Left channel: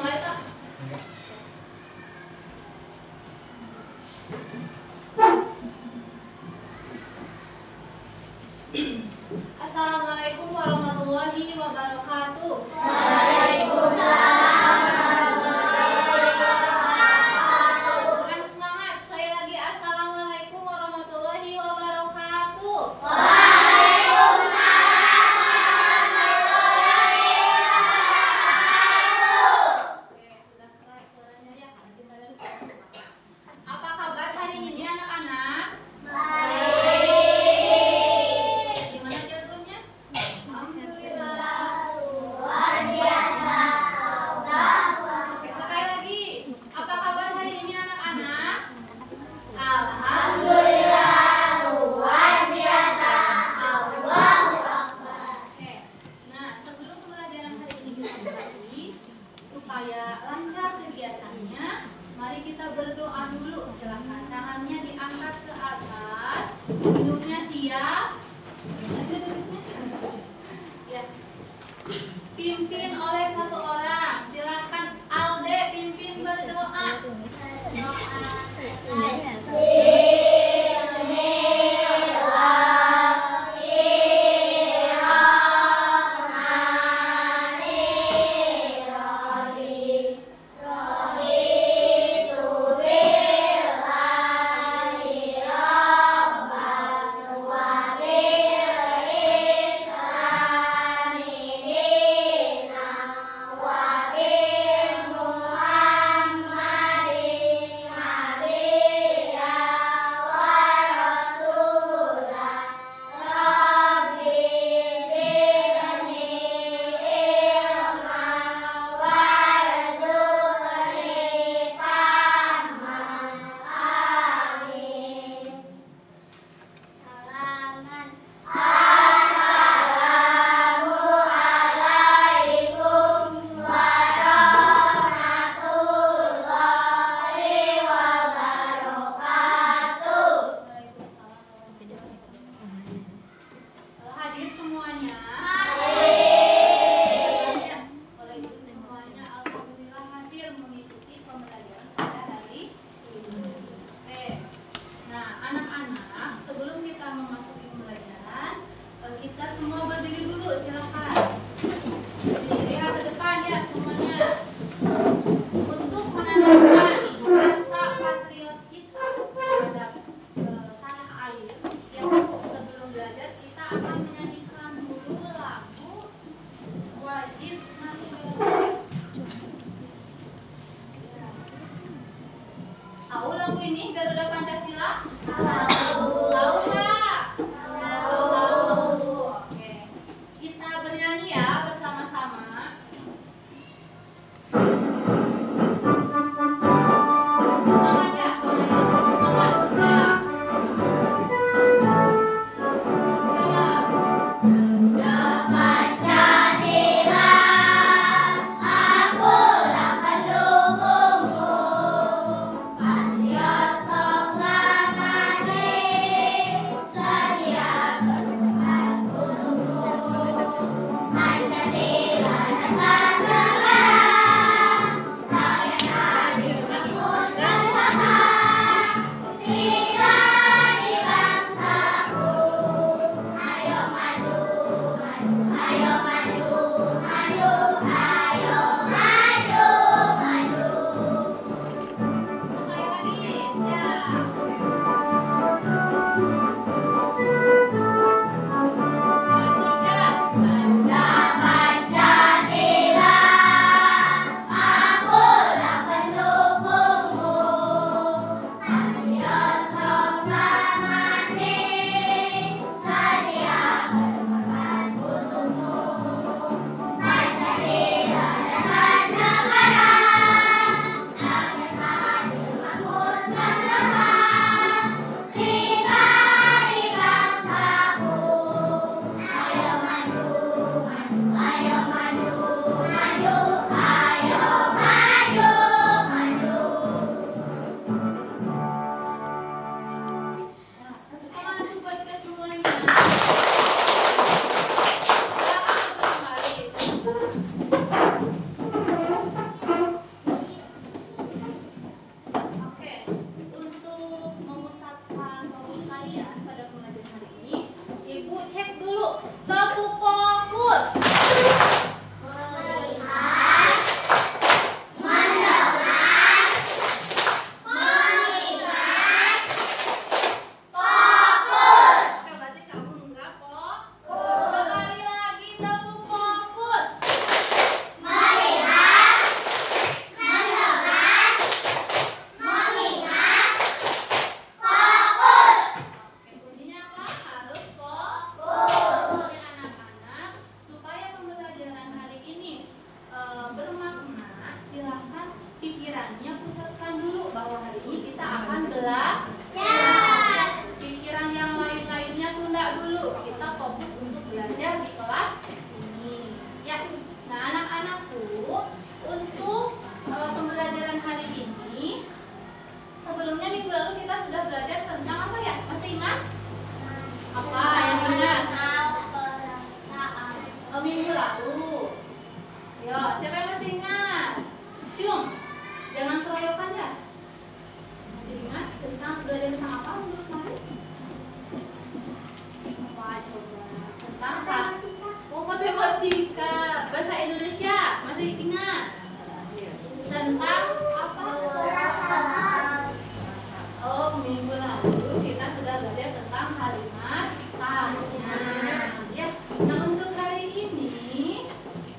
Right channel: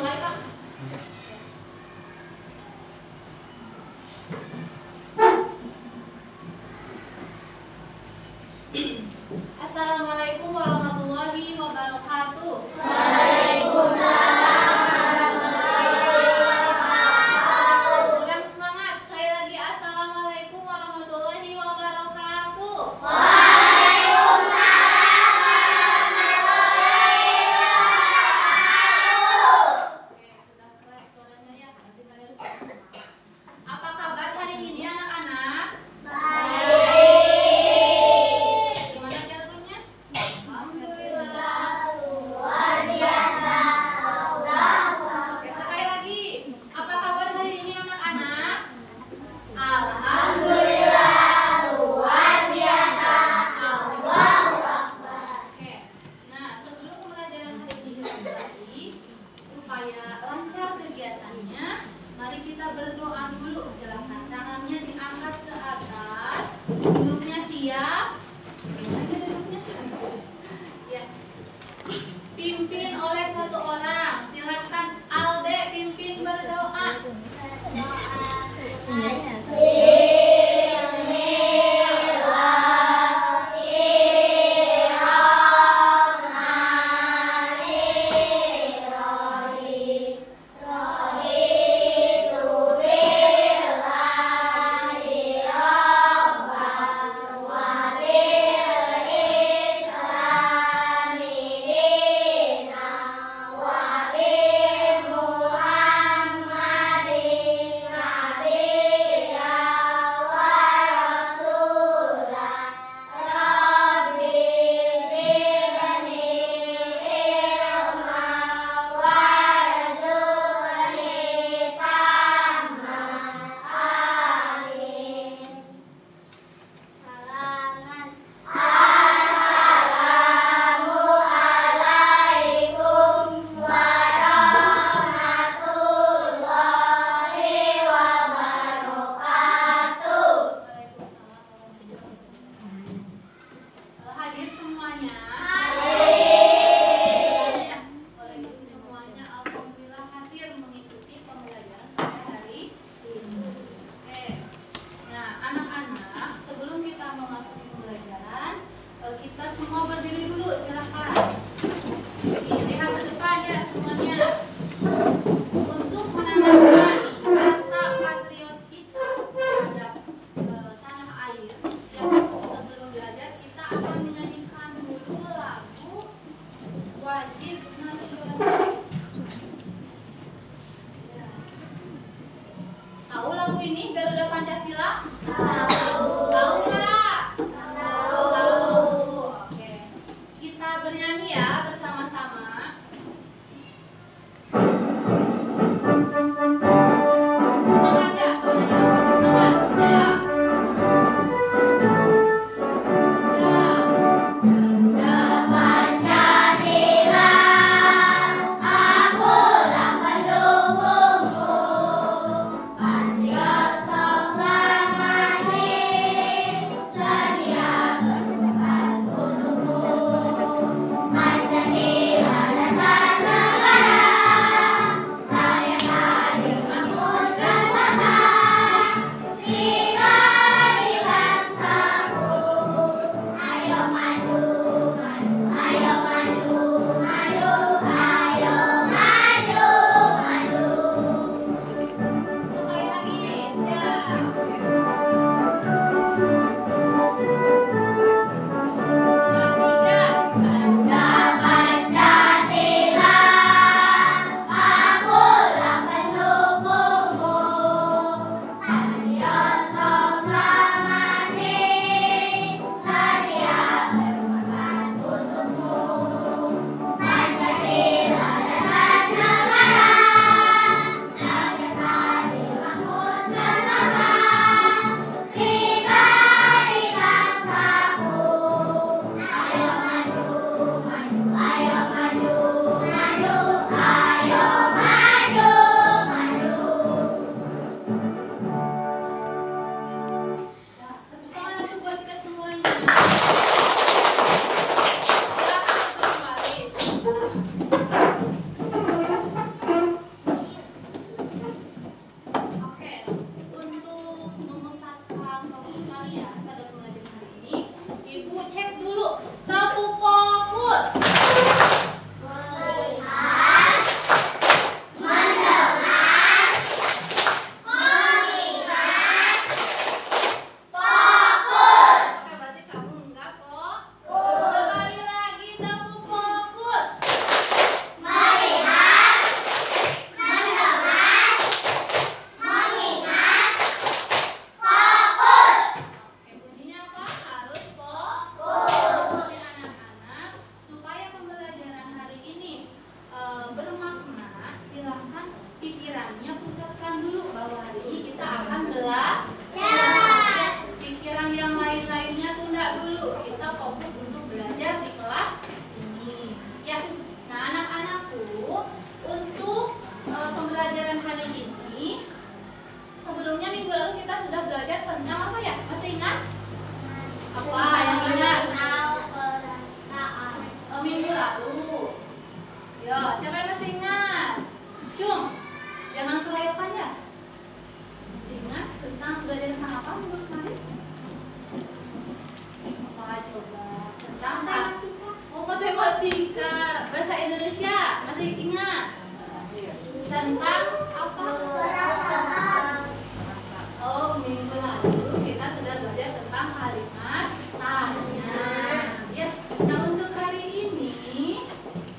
mulai Pak. Assalamualaikum warahmatullahi wabarakatuh. Kurang semangat, saya lagi assalamualaikum warahmatullahi wabarakatuh. Oke, sudah keras suaranya ya, nanti kalian sudah semangat. Apa kabar hari ini anak-anak? Gimana jadwalnya? Alhamdulillah. Oke, sekali lagi. Apa kabar hari ini anak-anak? Alhamdulillah. Oke. Nah, sebelum pembelajaran hari ini dimulai, supaya lancar kegiatannya, mari kita berdoa dulu. Silakan tangannya diangkat ke atas. Duduknya siap. Ada duduknya? Ya. Pimpin oleh satu orang. Silakan Alde pimpin berdoa. masih ingat? Cum, jangan keroyokan ya. Masih ingat tentang belajar tentang apa minggu kemarin? Apa coba? Tentang matematika, bahasa Indonesia masih ingat? Tentang apa? Oh, minggu lalu kita sudah belajar tentang kalimat tanya. Yes. Nah, untuk hari ini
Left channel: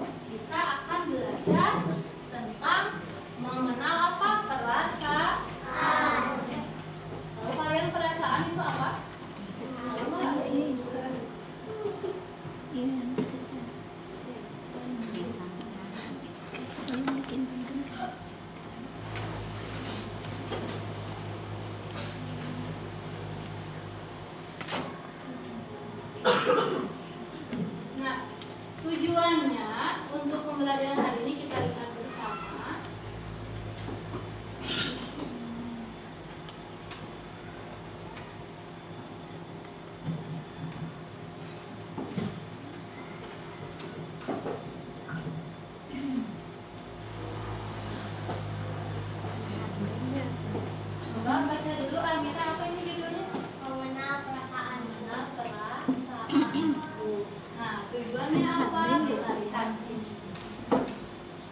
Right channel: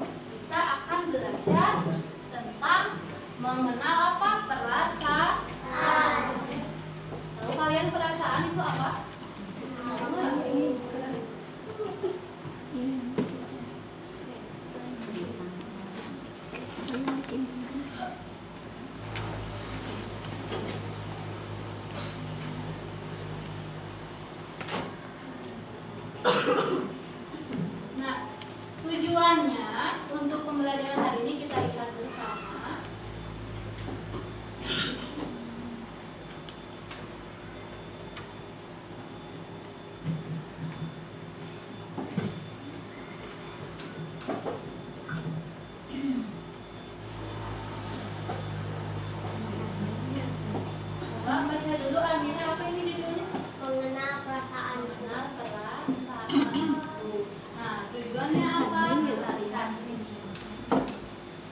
kita akan belajar tentang mengenal apa? Perasaan. Tahu kalian perasaan itu apa? Nah, tujuannya untuk pembelajaran hari ini kita lihat bersama. Coba baca dulu Amira, apa ini judulnya? Mengenal perasaan. Mengenal perasaan. Nah, tujuannya apa? Kita lihat di sini.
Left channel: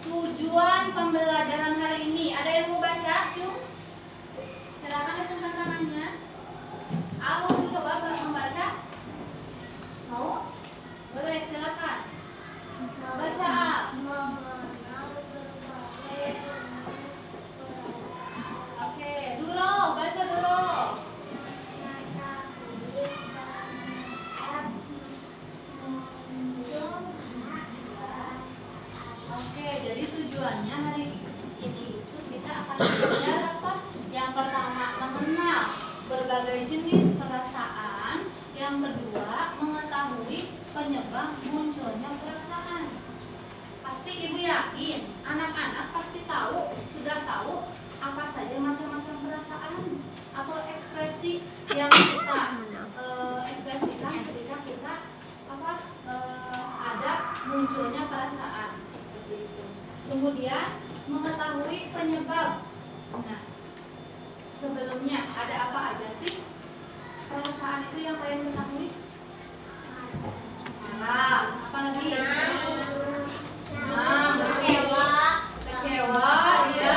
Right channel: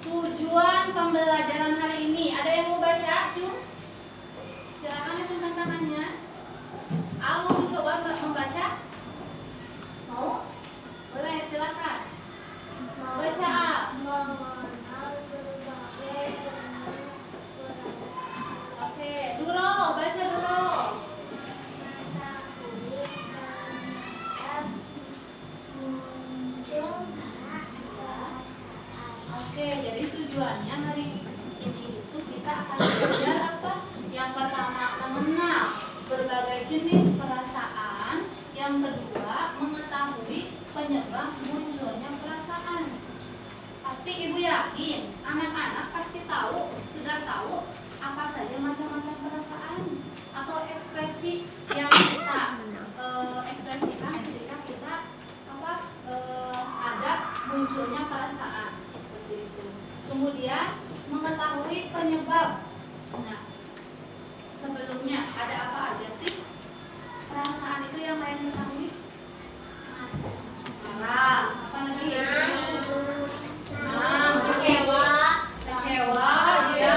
Tujuan pembelajaran hari ini. Ada yang mau baca, Cum? Silakan acungkan tangannya. Mau mencoba membaca? Mau? Boleh, silakan. Baca A. Mengenal berbagai Oke, Duro, baca Duro. Oke, jadi tujuannya hari ini itu kita akan belajar apa? Yang pertama, mengenal berbagai jenis perasaan. Yang kedua, mengetahui penyebab munculnya perasaan. Pasti ibu yakin, anak-anak pasti tahu, sudah tahu apa saja macam-macam perasaan atau ekspresi yang kita ekspresikan ketika kita ada munculnya perasaan seperti itu. Kemudian mengetahui penyebab. Nah, sebelumnya ada apa aja sih perasaan itu yang kalian ketahui? Marah, apa lagi? Senang, kecewa, iya,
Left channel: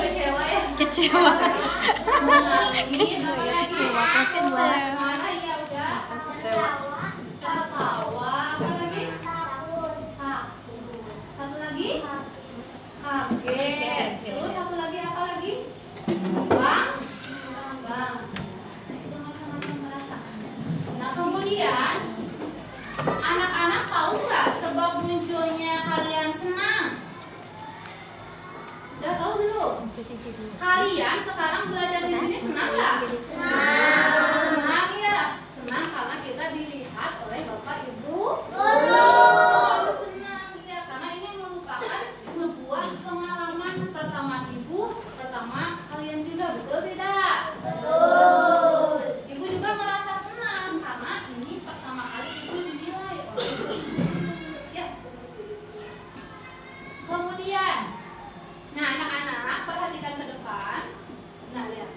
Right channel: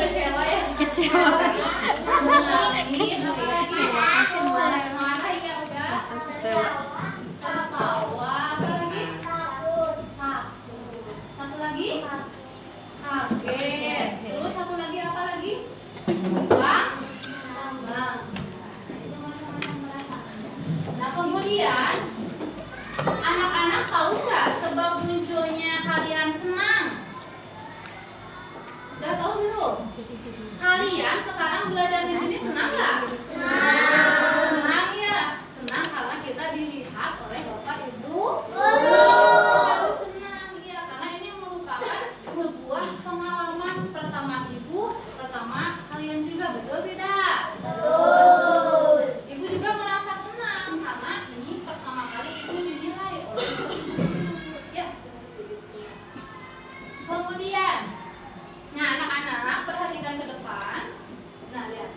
kecewa ya. Kecewa. Menangis, apa lagi? Marah ya udah. Kecewa. Tertawa, apa lagi? Takut. Satu lagi? Kaget. Terus satu lagi apa lagi? Bang. Nah, itu macam-macam perasaan. Nah, kemudian anak-anak tahu nggak sebab munculnya kalian senang? Udah tahu belum? Kalian sekarang belajar di sini senang nggak? Senang ya. Senang karena kita dilihat oleh Bapak Ibu. Harus senang ya, karena ini merupakan sebuah pengalaman pertama ibu, pertama kalian juga, betul tidak? Betul. Ibu juga merasa senang karena ini pertama kali ibu dinilai oleh ibu. Ya, seperti itu. Kemudian, nah anak-anak perhatikan ke depan. Nah, lihat.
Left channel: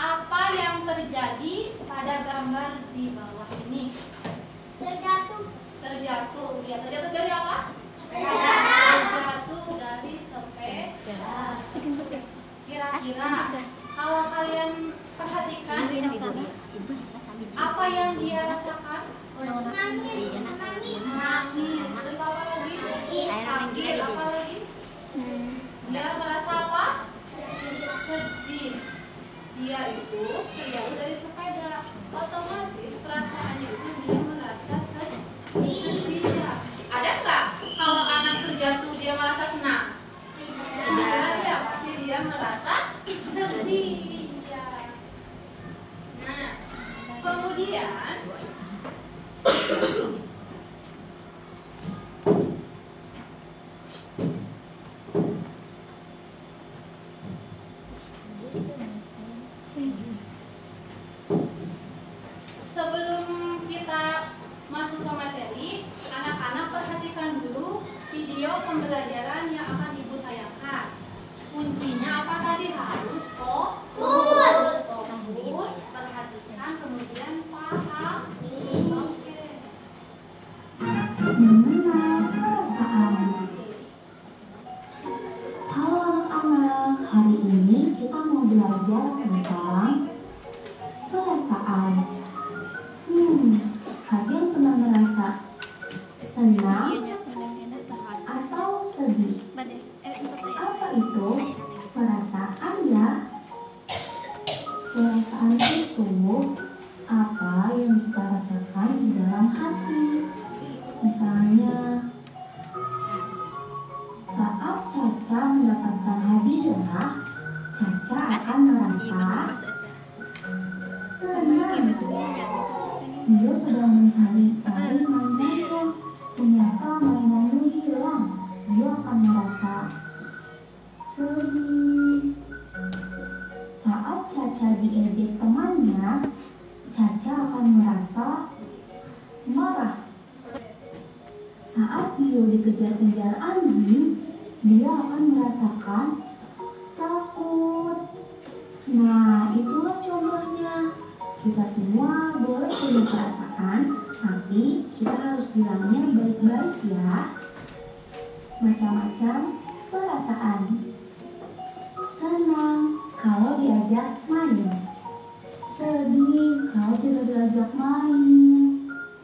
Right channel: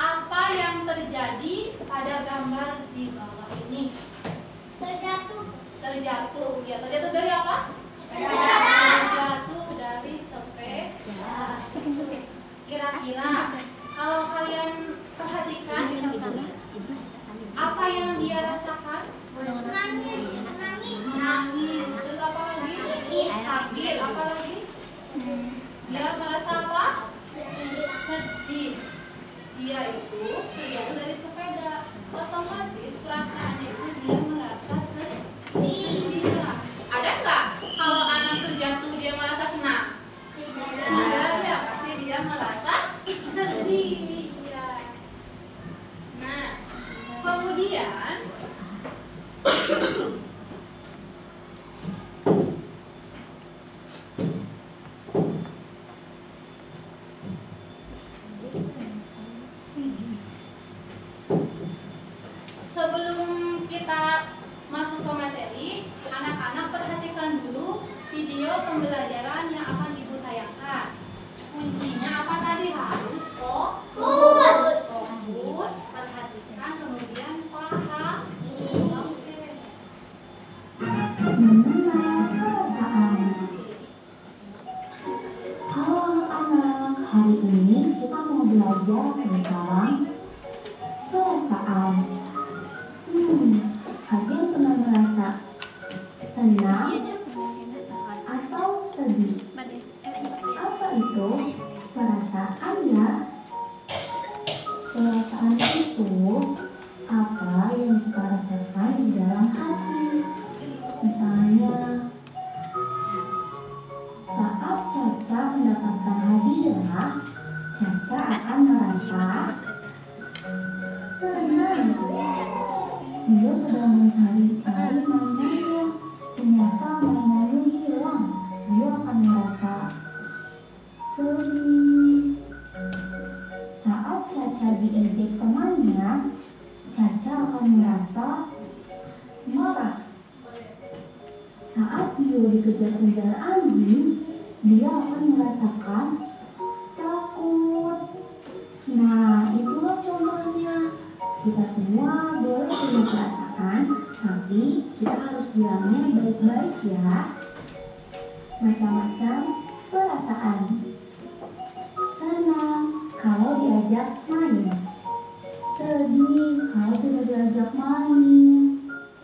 Apa yang terjadi pada gambar di bawah ini? Terjatuh. Terjatuh. Ya, terjatuh dari apa? Sepeda. Terjatuh dari sepeda. Kira-kira kalau kalian perhatikan apa yang dia rasakan? Menangis. Nangis. Terus apa lagi? Sakit. Apa lagi? Dia merasa apa? Sedih. Dia itu terjatuh dari sepeda. Otomatis perasaannya itu dia merasa sedih. Ya. Ada nggak kalau anak terjatuh dia merasa senang? Tidak ya, pasti dia merasa sedih. Ya. Nah, kemudian sebelum kita masuk ke materi, anak-anak perhatikan dulu video pembelajaran yang akan Ibu tayangkan. Kuncinya apa tadi? Harus fokus, perhatikan, kemudian paham. Oke. Mengenal perasaan. Halo anak-anak, hari ini kita mau belajar tentang perasaan. Kalian pernah merasa senang atau sedih? Apa itu perasaan ya? Perasaan itu apa yang kita rasakan di dalam hati. Misalnya, saat Caca mendapatkan hadiah, Caca akan merasa senang. Dia sedang mencari-cari mainannya, ternyata mainannya hilang. Dia akan merasa sedih. Saat Caca diejek temannya, Caca akan merasa marah. Saat Bio dikejar-kejar anjing, dia akan merasakan takut. Nah, itulah contohnya. Kita semua boleh punya perasaan, tapi kita harus bilangnya baik-baik ya. Macam-macam perasaan. Senang kalau diajak main. Sedih kalau tidak diajak main.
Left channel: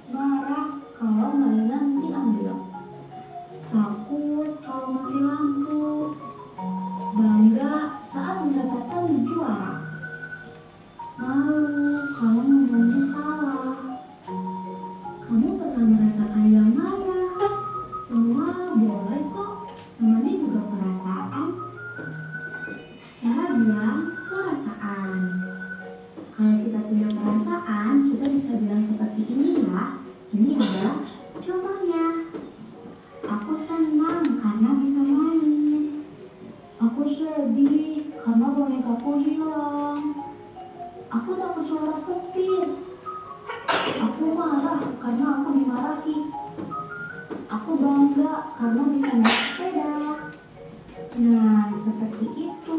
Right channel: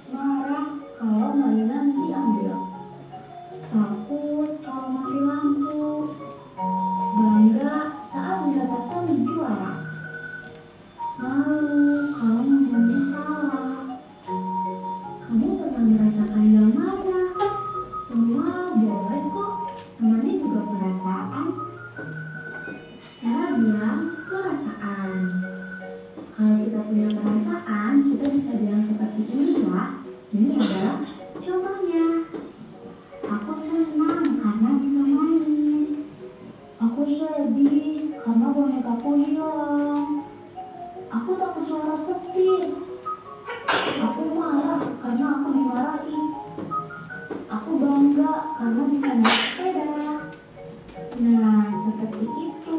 Marah kalau mainan diambil. Takut kalau mati lampu. Bangga saat mendapatkan juara. Malu kalau ngomongnya salah. Kamu pernah merasakan yang mana? Semua boleh kok, namanya juga perasaan. Cara bilang perasaan. Kalau kita punya perasaan, kita bisa bilang seperti ini ya. Ini adalah contohnya. Aku senang karena bisa main. Aku sedih karena bonekaku hilang. Aku takut suara petir. Aku marah karena aku dimarahi. Aku bangga karena bisa naik sepeda. Nah, seperti itu.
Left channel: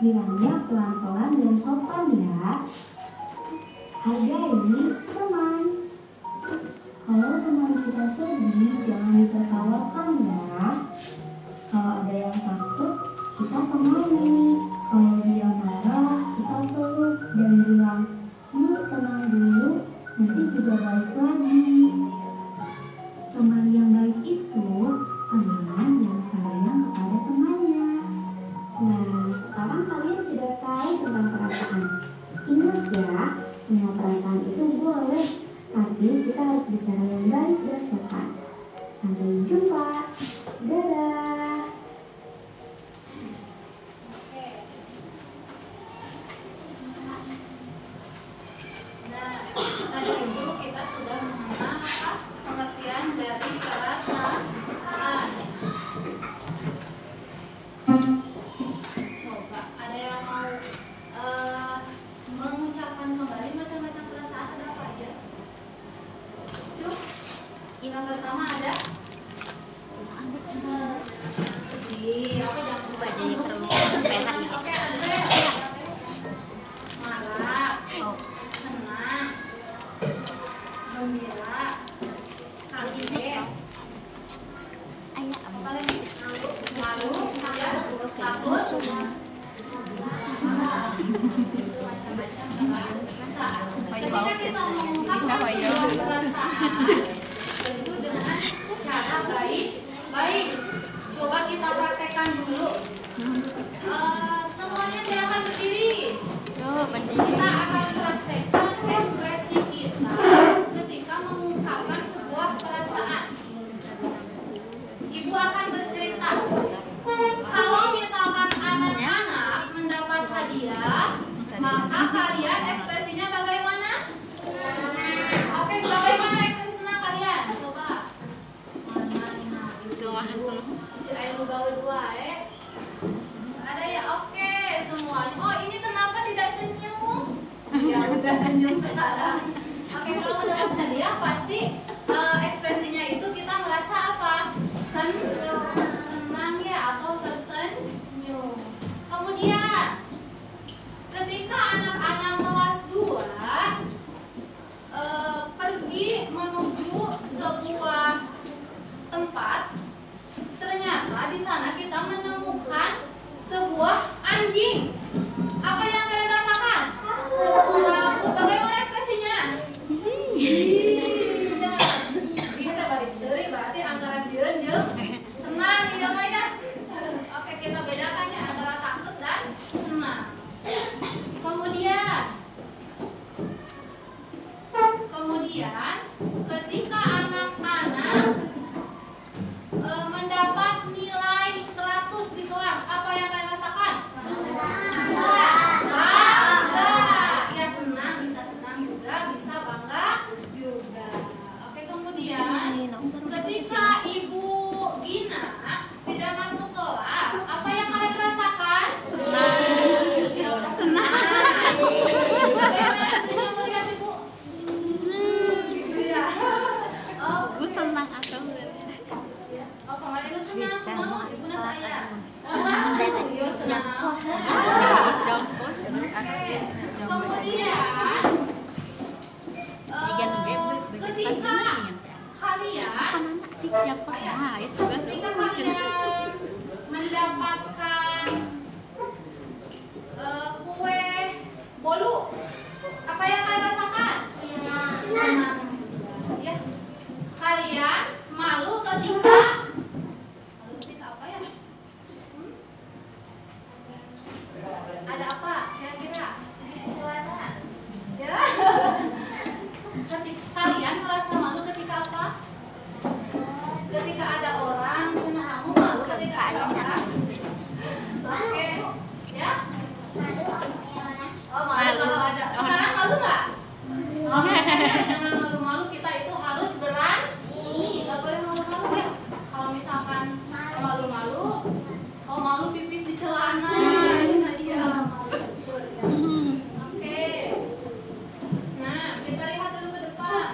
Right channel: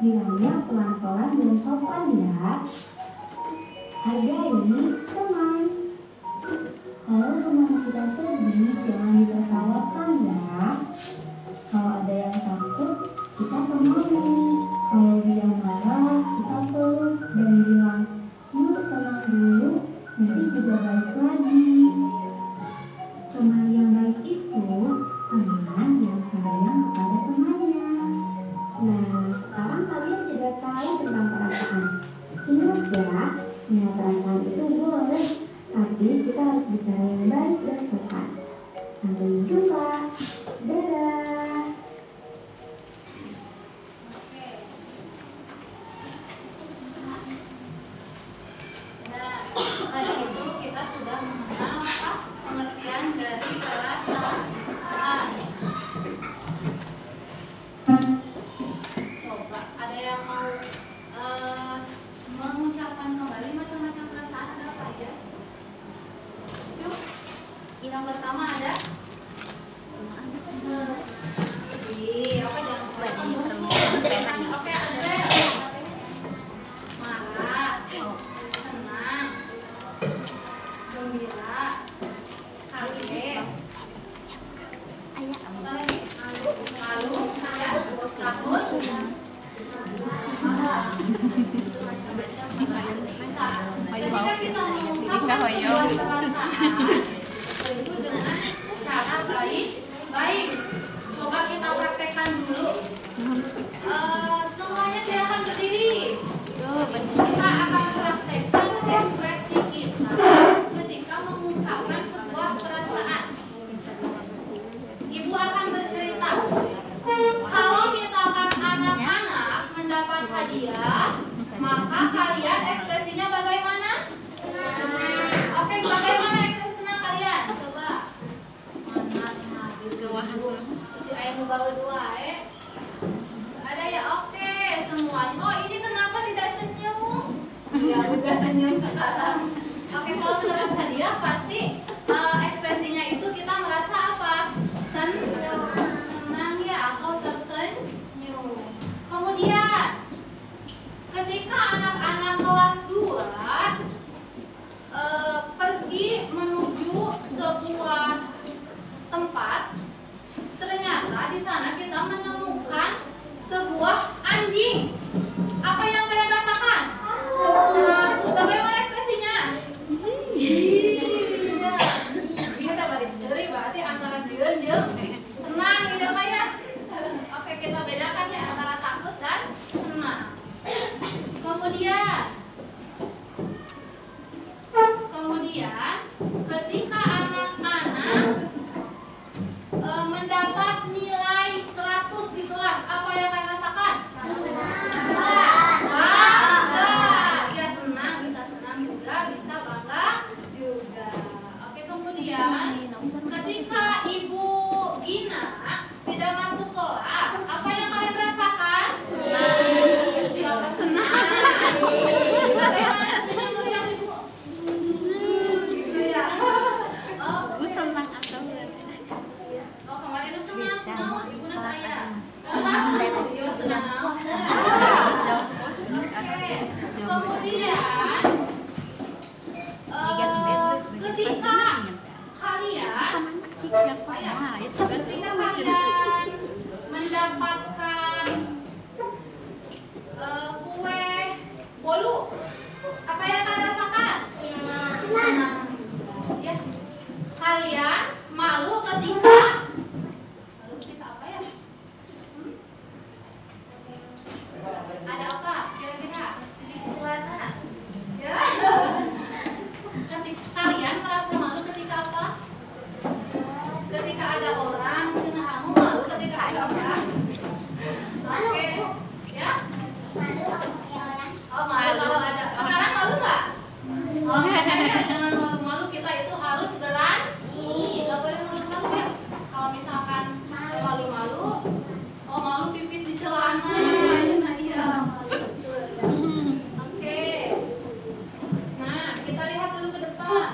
Bilangnya pelan-pelan dan sopan ya. Hargai teman. Kalau teman kita sedih, jangan ditertawakan ya. Kalau ada yang takut, kita temani. Kalau dia marah, kita peluk dan bilang, yuk tenang dulu, nanti juga balik lagi. Teman yang baik itu teman yang sayang kepada temannya. Nah, sekarang kalian sudah tahu tentang perasaan. Ingat ya, semua perasaan itu boleh, tapi kita harus bicara yang baik dan sopan. Sampai jumpa. Dadah. Nah, tadi itu kita sudah mengenal pengertian dari perasaan. Coba, ada yang mau mengucapkan kembali macam-macam perasaan, ada apa aja? Cuk, yang pertama ada sedih. Oke, jangan lupa senyum. Oke, Andre. Marah, senang, gembira, kaget, apa lagi? Malu, ya, takut, itu macam-macam perasaan. Ketika kita mengungkapkan sebuah perasaan itu dengan cara baik-baik. Coba kita praktekkan dulu. Semuanya silakan berdiri. Kita akan praktekkan ekspresi kita ketika mengungkapkan sebuah perasaan. Ibu akan bercerita. Kalau misalkan anak-anak mendapat hadiah, maka kalian ekspresinya bagaimana? Oke, bagaimana ekspresi senang kalian? Coba. Mana gitu. Si ayah bawa dua, ada ya? Oke, semuanya. Oh, ini kenapa tidak senyum? Ya, udah senyum sekarang. Oke, kalau mendapat hadiah pasti ekspresinya itu kita merasa apa? terus senang, kunaon, ibu nanti ayah. Yo senang. Oke. Kemudian ketika kalian mendapatkan kue bolu, apa yang kalian rasakan? Senang. Ya. Kalian malu ketika apa ya? Ada apa kira-kira? Ya. Kalian merasa malu ketika apa? Ketika ada orang, kamu malu ketika ada orang. Oke, ya? Oh, malu kalau ada. Sekarang malu nggak? Oke, jangan malu-malu. Kita itu harus berani. Nggak boleh malu-malu ya. Kalau misalkan malu-malu, oh malu pipis di celana. Nah, iya. Oke. Nah, kita lihat dulu ke depan.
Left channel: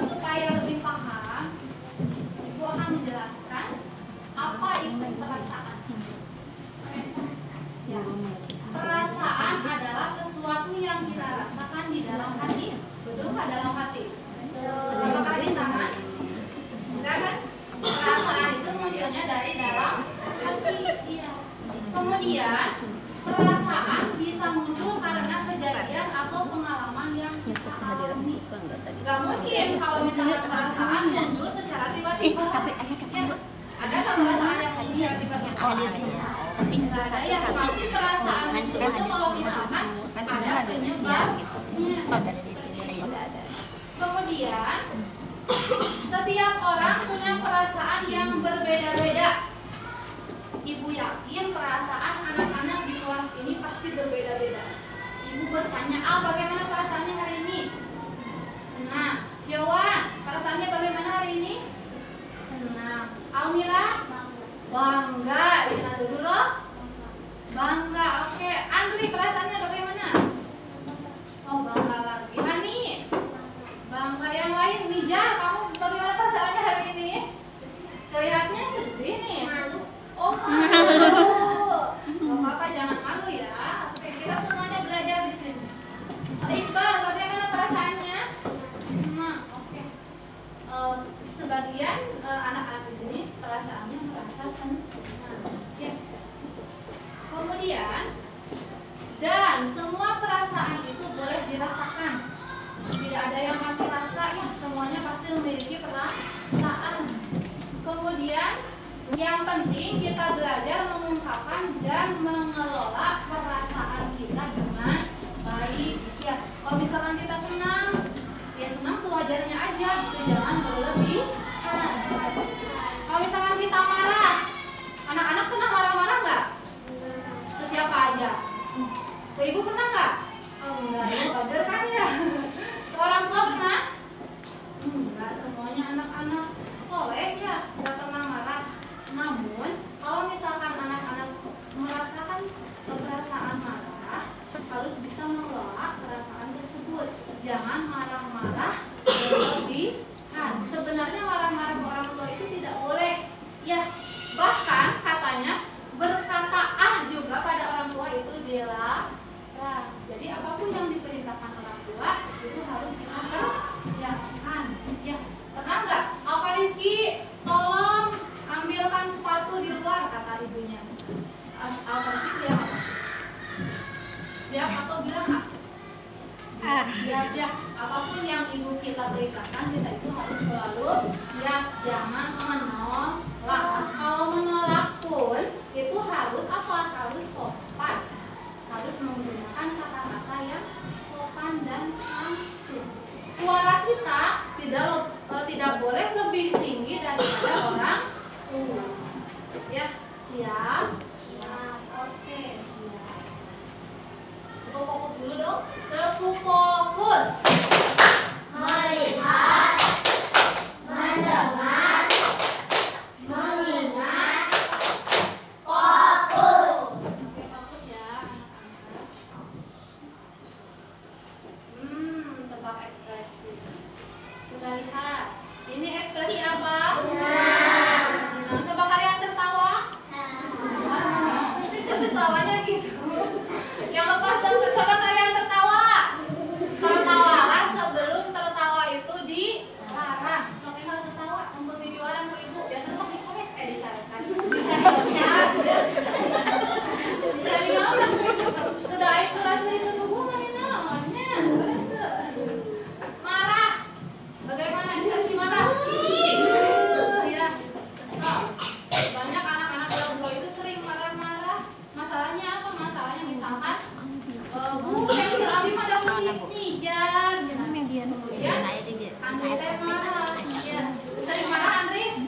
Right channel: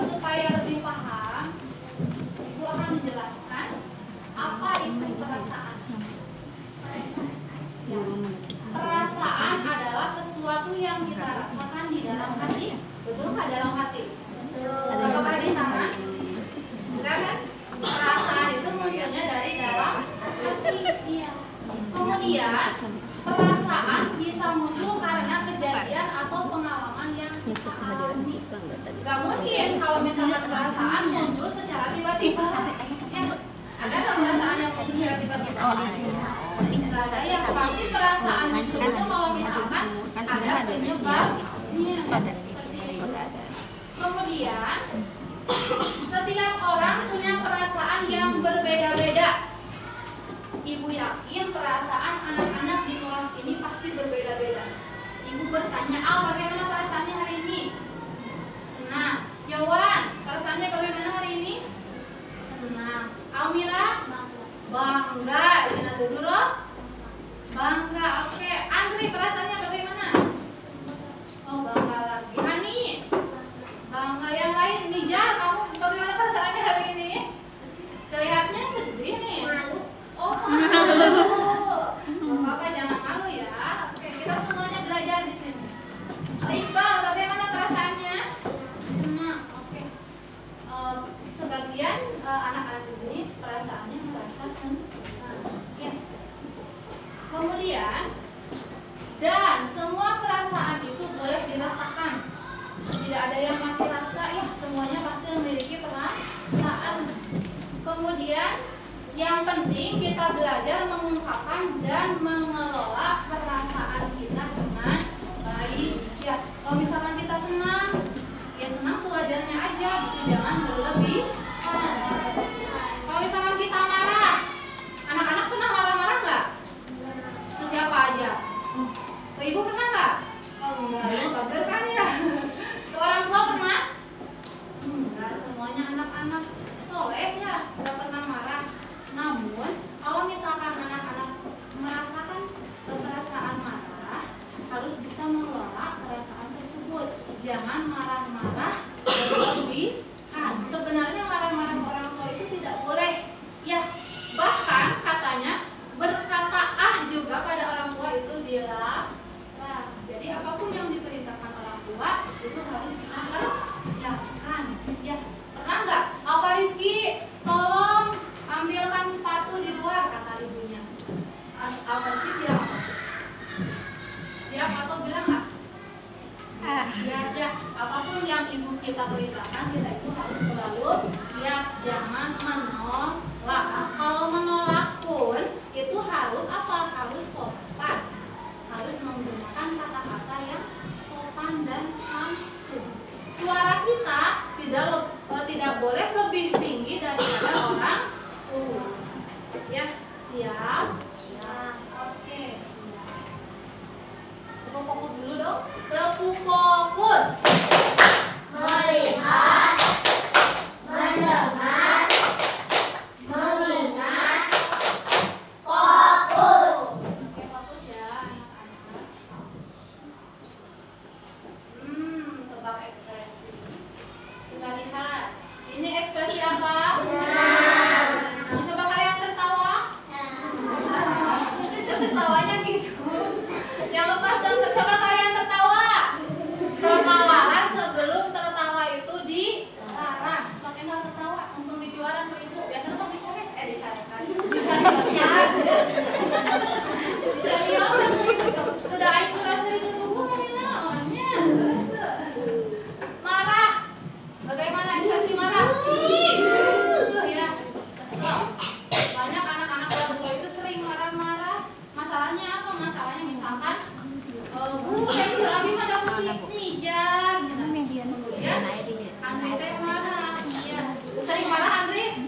Supaya lebih paham, Ibu akan menjelaskan apa itu perasaan. Ya. Perasaan adalah sesuatu yang kita rasakan di dalam hati. Betul nggak dalam hati? Apakah di tangan? Enggak kan? Perasaan itu munculnya dari dalam hati. Iya. Kemudian perasaan bisa muncul karena kejadian atau pengalaman yang kita alami. Gak mungkin kalau misalnya perasaan muncul secara tiba-tiba. Ya. Ada nggak perasaan yang muncul secara tiba-tiba? Nggak ada. Yang pasti perasaan muncul itu kalau misalkan ada penyebabnya. Kemudian setiap orang punya perasaan yang berbeda-beda. Ibu yakin perasaan anak-anak di kelas ini pasti berbeda-beda. Ibu bertanya, Al, bagaimana perasaannya hari ini? Senang. Yawan, perasaannya bagaimana hari ini? Senang. Almira? Bangga. Cina dulu, bangga. Oke. Andri, perasaannya bagaimana? Oh, bangga lagi. Hani? Bangga. Yang lain, Nijal, kamu bagaimana perasaannya hari ini? Kelihatannya sedih nih. Oh, malu. Oh, Bapak jangan malu ya. Oke, kita semuanya belajar di sini. Iqbal, bagaimana perasaannya? Senang. Oke. Sebagian anak-anak di sini perasaannya merasa senang. Oke. Kemudian, dan semua perasaan itu boleh dirasakan. Tidak ada yang mati rasa ya. Semuanya pasti memiliki perasaan. Kemudian yang penting kita belajar mengungkapkan dan mengelola perasaan kita dengan baik. Ya, kalau misalkan kita senang, ya senang sewajarnya aja, jangan berlebihan. Kalau misalkan kita marah, anak-anak pernah marah-marah nggak? Ke siapa aja? Ke ibu pernah nggak? Oh enggak, ibu bader kan ya. Ke orang tua pernah? Enggak, semuanya anak-anak soleh ya, nggak pernah marah. Namun, kalau misalkan anak-anak merasakan perasaan marah, harus bisa mengelola perasaan tersebut. Jangan marah-marah berlebihan. Sebenarnya marah-marah ke orang tua itu tidak boleh. Ya, bahkan katanya berkata juga pada orang tua itu dilarang. Jadi apapun yang diperintahkan orang tua itu harus kita kerjakan. Ya, pernah nggak? Apa Rizky, tolong ambilkan sepatu di luar, kata ibunya. Al-Farsi bilang apa? Siap atau bilang apa? Siap ya. Apapun yang ibu kita perintahkan, kita itu harus selalu siap. Jangan menolak. Kalau menolak pun itu harus apa? Harus sopan. Harus menggunakan kata-kata yang sopan dan santun. Suara kita tidak boleh lebih tinggi daripada orang. Ya, siap? Siap. Oke, siap. Tepuk fokus dulu dong. Tepuk fokus. Melihat, mendengar, mengingat, fokus. Oke, fokus ya anak-anak. Tebak ekspresi. Kita lihat. Ini Ini ekspresi apa? Senang. Coba kalian tertawa. Itu tertawanya gitu. Yang lepas dan coba kalian tertawa. Tertawalah sebelum tertawa itu dilarang. Sampai nggak tertawa, untuk di jualan ke ibu. Biasanya sampai dicoret, dicoretkan. Dicari yosan. Dicari yosan. Tidak ada surah-surah itu hubungan ini namanya. Marah. Bagaimana ekspresi marah? Ya, kesel. Banyak anak-anak baru itu sering marah-marah. Masalahnya apa? Masalahnya misalkan, Bu, pensil Abi ada kursi nijar. Ya, Andri teh marah. Ya, sering marah Andri?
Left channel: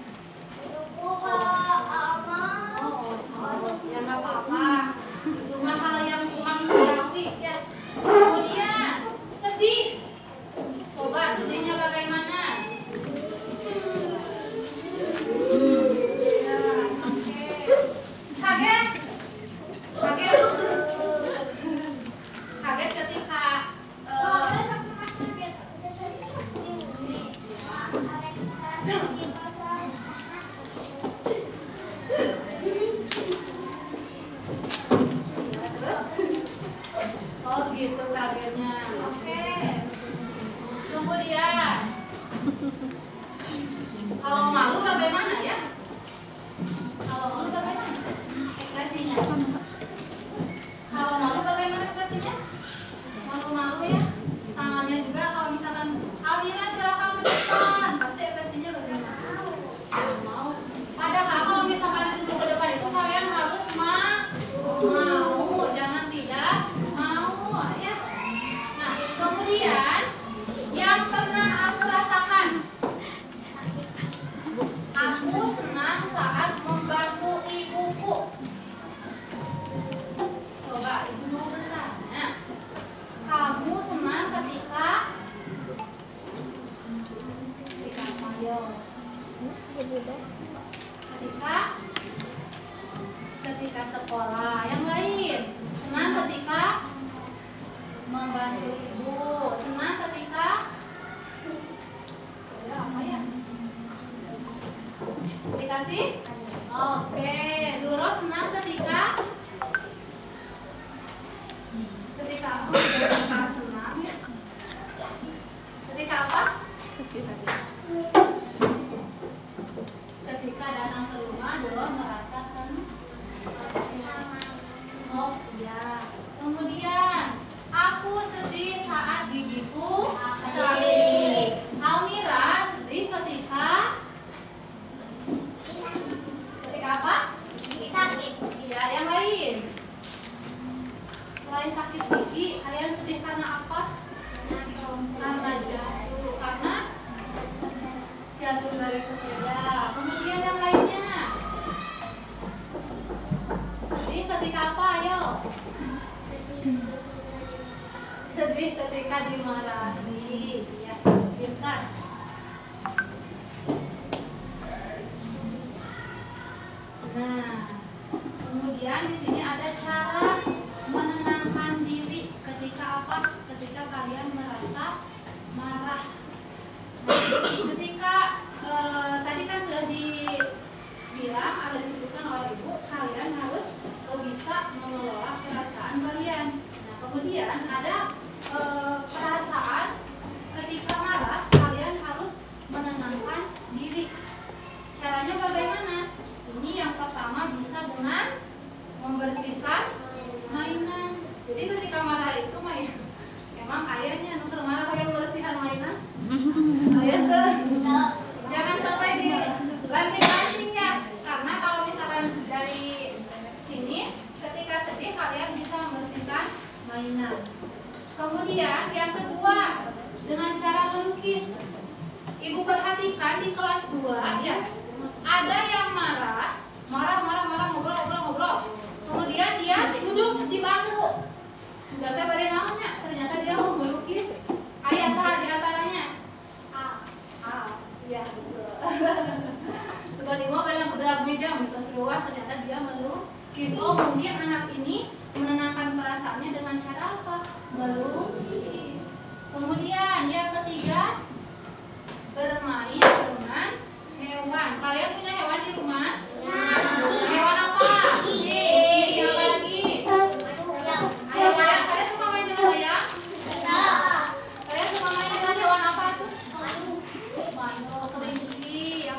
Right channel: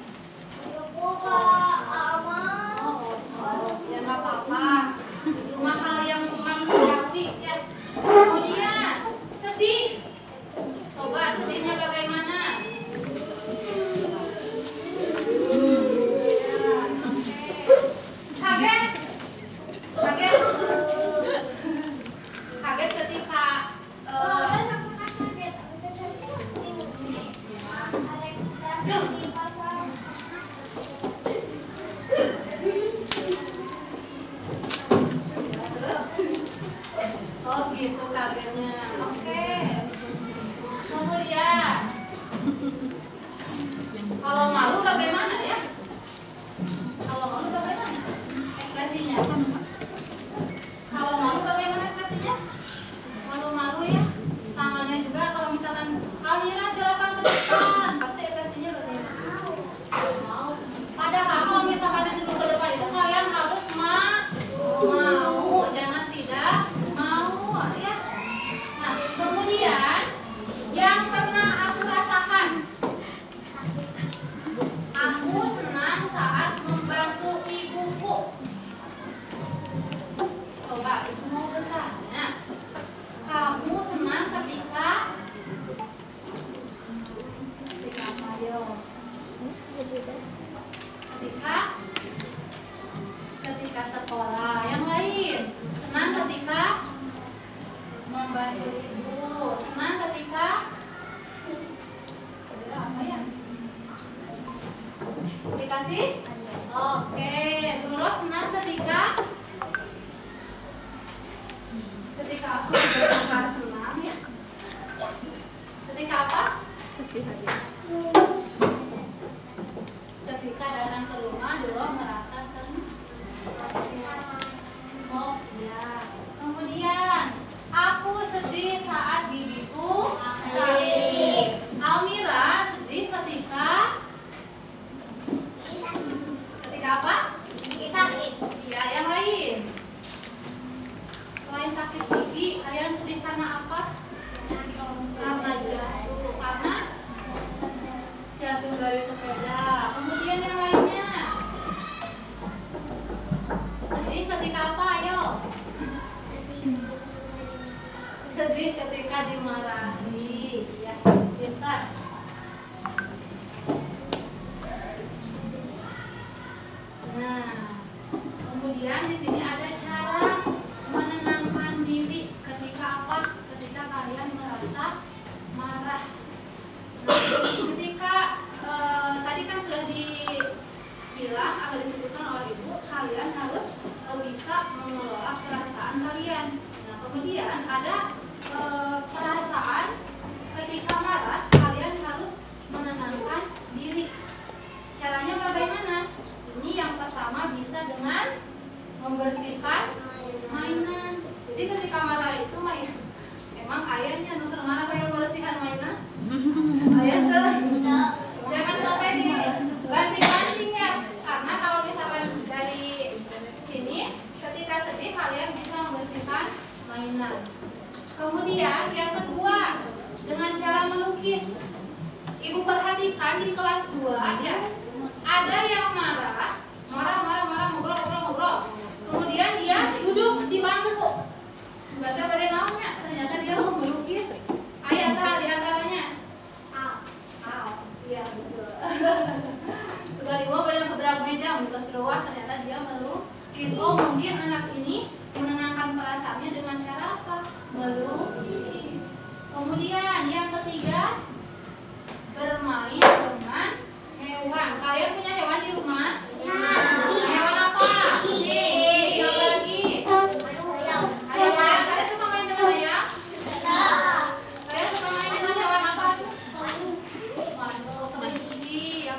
Ya nggak apa-apa. Cuma hal yang manusiawi ya. Kemudian sedih. Coba sedihnya bagaimana? Ya, oke. Kaget. Kaget. Kaget ketika oh gitu kagetnya. Oke. Kemudian kalau malu bagaimana ya? Kalau malu bagaimana ekspresinya? Kalau malu bagaimana ekspresinya? Malu-malu ya. Tangannya juga kalau misalkan Almira silakan ke depan, pasti ekspresinya bagaimana? Mau. Padahal kalau misalkan disuruh ke depan itu kalian harus mau, jangan tidak mau ya. Nah, kemudian yang pernah aku rasakan, aku senang saat membantu ibuku. Coba ibu mau bertanya, kamu senang ketika apa yo? Ketika sekolah. Yang lain senang ketika membantu ibu. Senang ketika apa ya? Dikasih? Oke. Duro senang ketika apa? Senang ya. Ketika apa? Ketika datang ke rumah, Doro merasa senang. Oh iya. Kemudian aku sedih saat gigiku sakit. Almira sedih ketika apa? Sakit. Iya, yang lain. Selain sakit gigi, kalian sedih karena apa? Karena jatuh. Karena jatuh dari sepeda. Kemudian yang lainnya. Sedih ketika apa? Ayo. Sedih ketika dimarahi. Ya, pintar. Nah, kemudian di sini ada cara menenangkan diri ketika apa? Ketika kalian merasa marah. Nah, ketika tadi kan sudah dibilang atau disebutkan oleh ibu, kalian harus bisa mengelola perasaan kalian. Nah, kemudian ada perasaan ketika marah, kalian harus menenangkan diri. Caranya bagaimana? Ini yang pertama bisa dengan membersihkan mainan. Jadi ketika marah itu emang ayahnya nuker marah kayak membersihkan mainan. Ayah tuh jangan sampai dibanting-banting ya. Karena kalau misalkan dari sini ketika sedih kalian bisa membersihkan mainan. Kemudian yang kedua dengan cara melukis. Ibu perhatikan di kelas 2 ya. Ada yang marah ngobrol. Kemudian dia duduk di bangku. Sugatnya pada namanya, ternyata dia mau melukis. Ayah salah di antaranya. Iya betul. Sugat di bawah pada beberapa meja mitos luas, ternyata dia melukis. Oh mungkin anak ini menenangkan perasaannya dengan cara apa? Melukis. Kemudian yang ketiga bermain dengan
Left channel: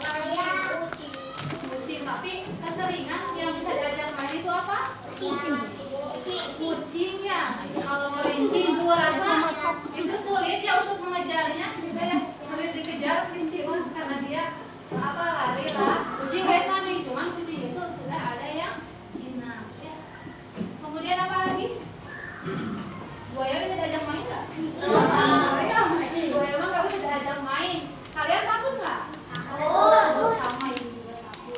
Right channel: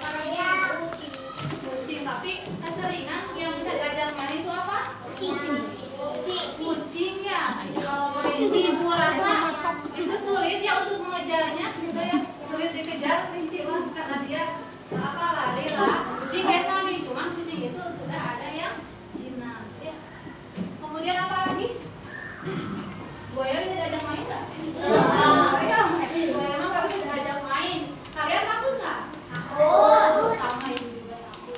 Apa lagi? Kucing. Tapi keseringan yang bisa diajak main itu apa? Kucing ya. Kalau kelinci ibu rasa itu sulit ya untuk mengejarnya, gitu ya. Sulit dikejar kelinci mas karena dia apa lari lah. Kucing kayak sama, cuman kucing itu sudah ada yang jinak ya. Kemudian apa lagi? Buaya bisa diajak main nggak? Buaya emang nggak bisa diajak main. Kalian takut nggak? Takut. Sama ibu juga takut.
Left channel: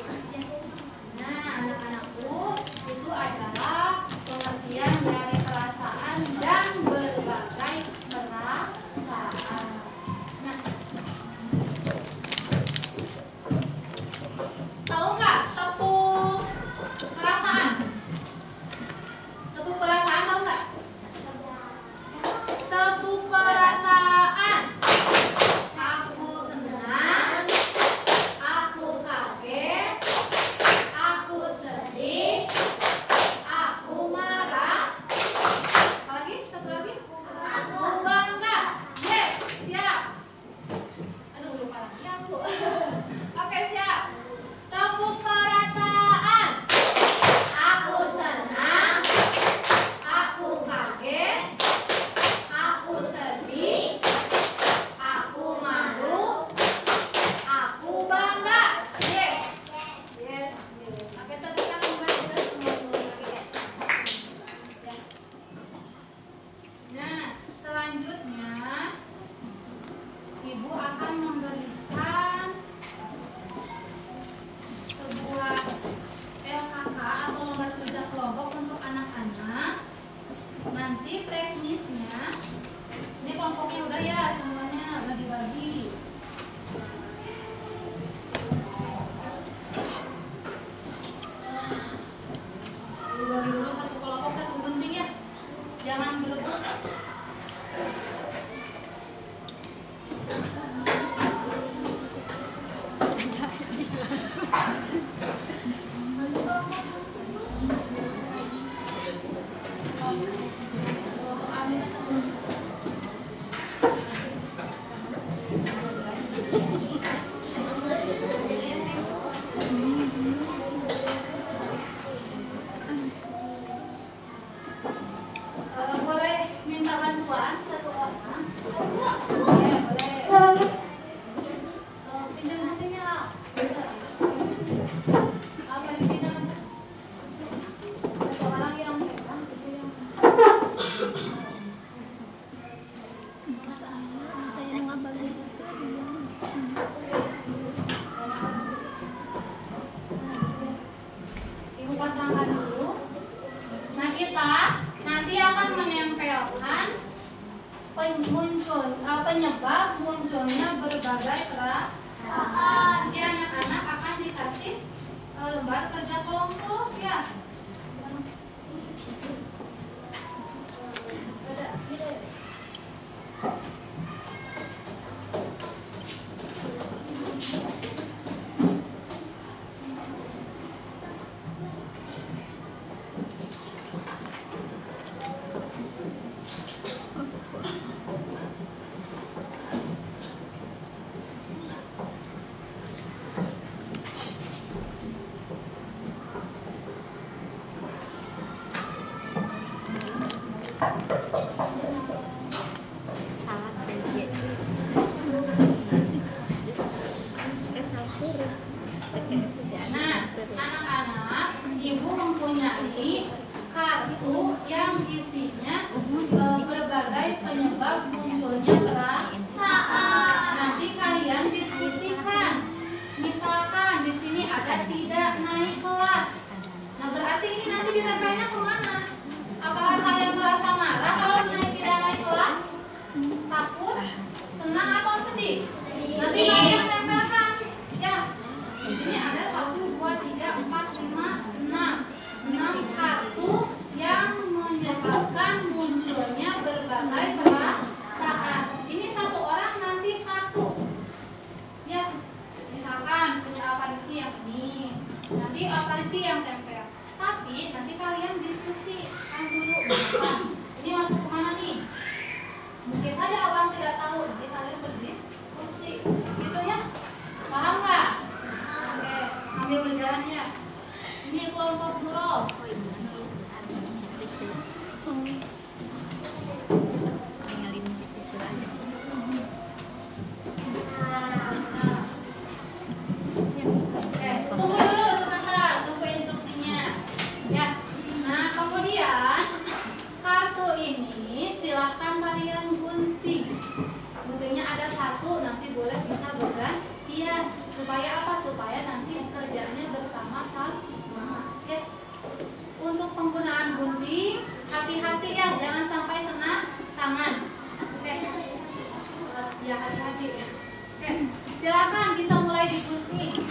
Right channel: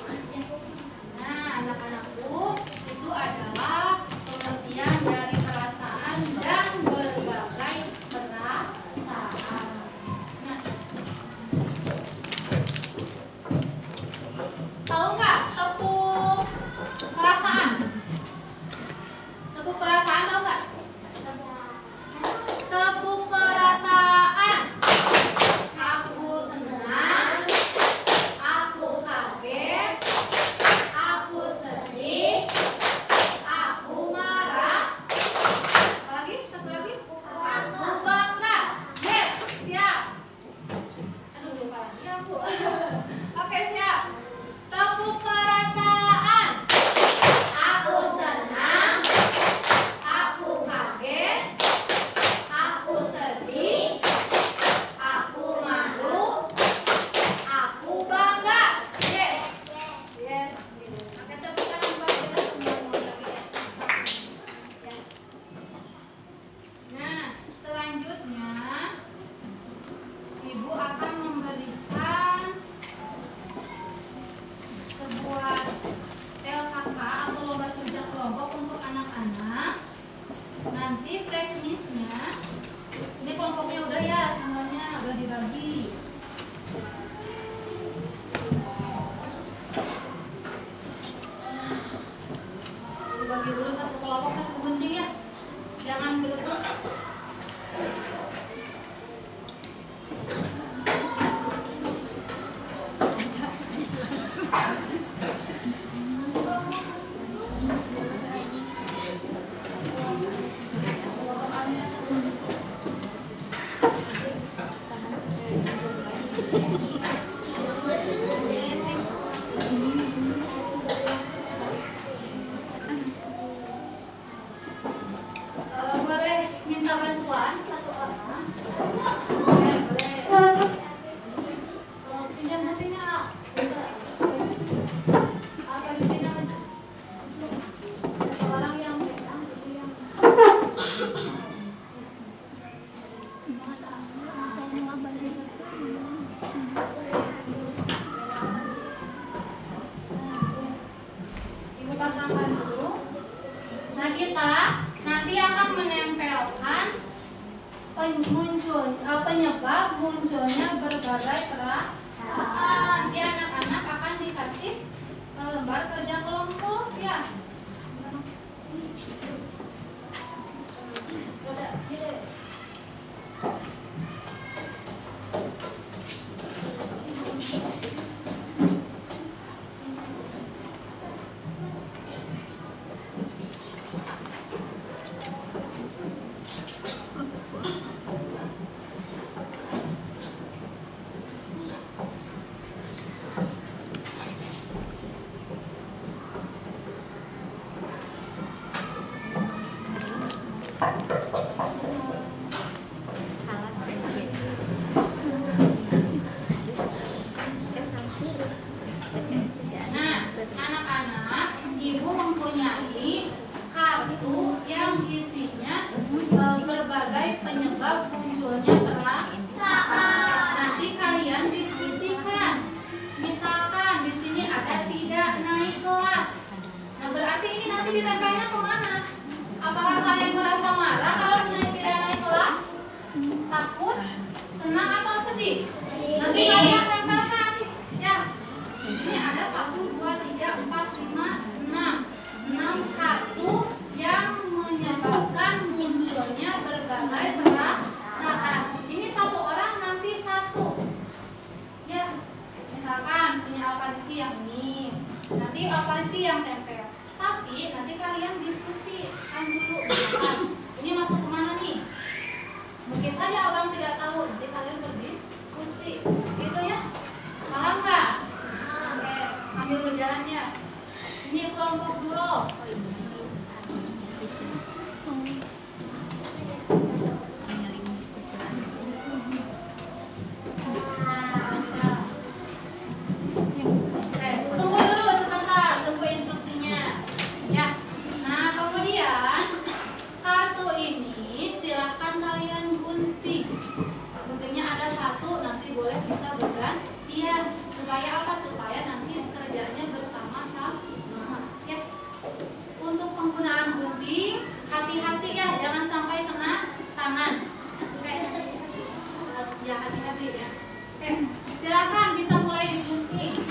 Nah, anak-anakku, itu adalah pengertian dari perasaan dan berbagai perasaan. Nah, tahu nggak tepuk perasaan? Tepuk perasaan tahu nggak? Tepuk perasaan. Aku senang, aku kaget, aku sedih, aku marah. Apa lagi? Satu lagi? Aku bangga. Yes, siap. Aduh, lupa lagi aku. Oke, siap. Tepuk perasaan. Aku senang, aku kaget, aku sedih, aku malu, aku bangga. Yes. Yes. Oke, tepuk tangan buat kita semua lagi ya. Ya. Nah, selanjutnya ibu akan memberikan sebuah LKK atau lomba kerja kelompok untuk anak-anak. Nanti teknisnya, ini kelompoknya udah ya, semuanya udah dibagi. Bagi dulu satu kelompok, satu gunting ya, jangan berebut. Boleh minta bantuan satu orang? Boleh, boleh. Pinjam guntingnya. Udah. Apa dipinjam aja? Satu orang yang pegang, itu yang Ibu pasangkan dulu. Nah, kita nanti akan menempelkan penyebab munculnya berbagai perasaan. Nanti anak-anak akan dikasih lembar kerja kelompok ya. Ada, gitu. Nah, anak-anak, ibu mempunyai kartu yang isinya berbagai penyebab munculnya perasaan. Nanti kalian diskusikan. Misalkan di sini ada tidak naik kelas. Nah, berarti ini nanti ditempelnya kemana? Apakah kalian merasa marah kalau tidak naik kelas? Takut, senang atau sedih? Nanti kalian tempelkan. Ya. Di sini ada 1, 2, 3, 4, 5, 6 kartu yang menyebabkan munculnya berbagai perasaan. Ini satu orang nanti satu. Ya, misalkan punya Alfa Rizky yang ini, nanti Alfa Rizky yang tempel. Tapi nanti kalian diskusikan dulu. Ini masuk kemana nih? Mungkin saja abang tidak tahu. Nanti kalian berdiskusi, gitu ya. Paham nggak? Sambil berjalan ya. Ini kelompok Nurul. Tunggu dulu sebentar, tunggu instruksinya. Ya. Nah, kemudian kartu ini silahkan kalian gunting. Guntingnya ada satu, nanti boleh bisa bergantian. Supaya apa? Supaya nanti kerjanya bersama-sama. Ya. Untuk penggunaan gunting, hati-hati ya, jangan sampai kena tangan. Oke. Ya, hati-hati ya. Oke. Silakan bisa mulai digunting.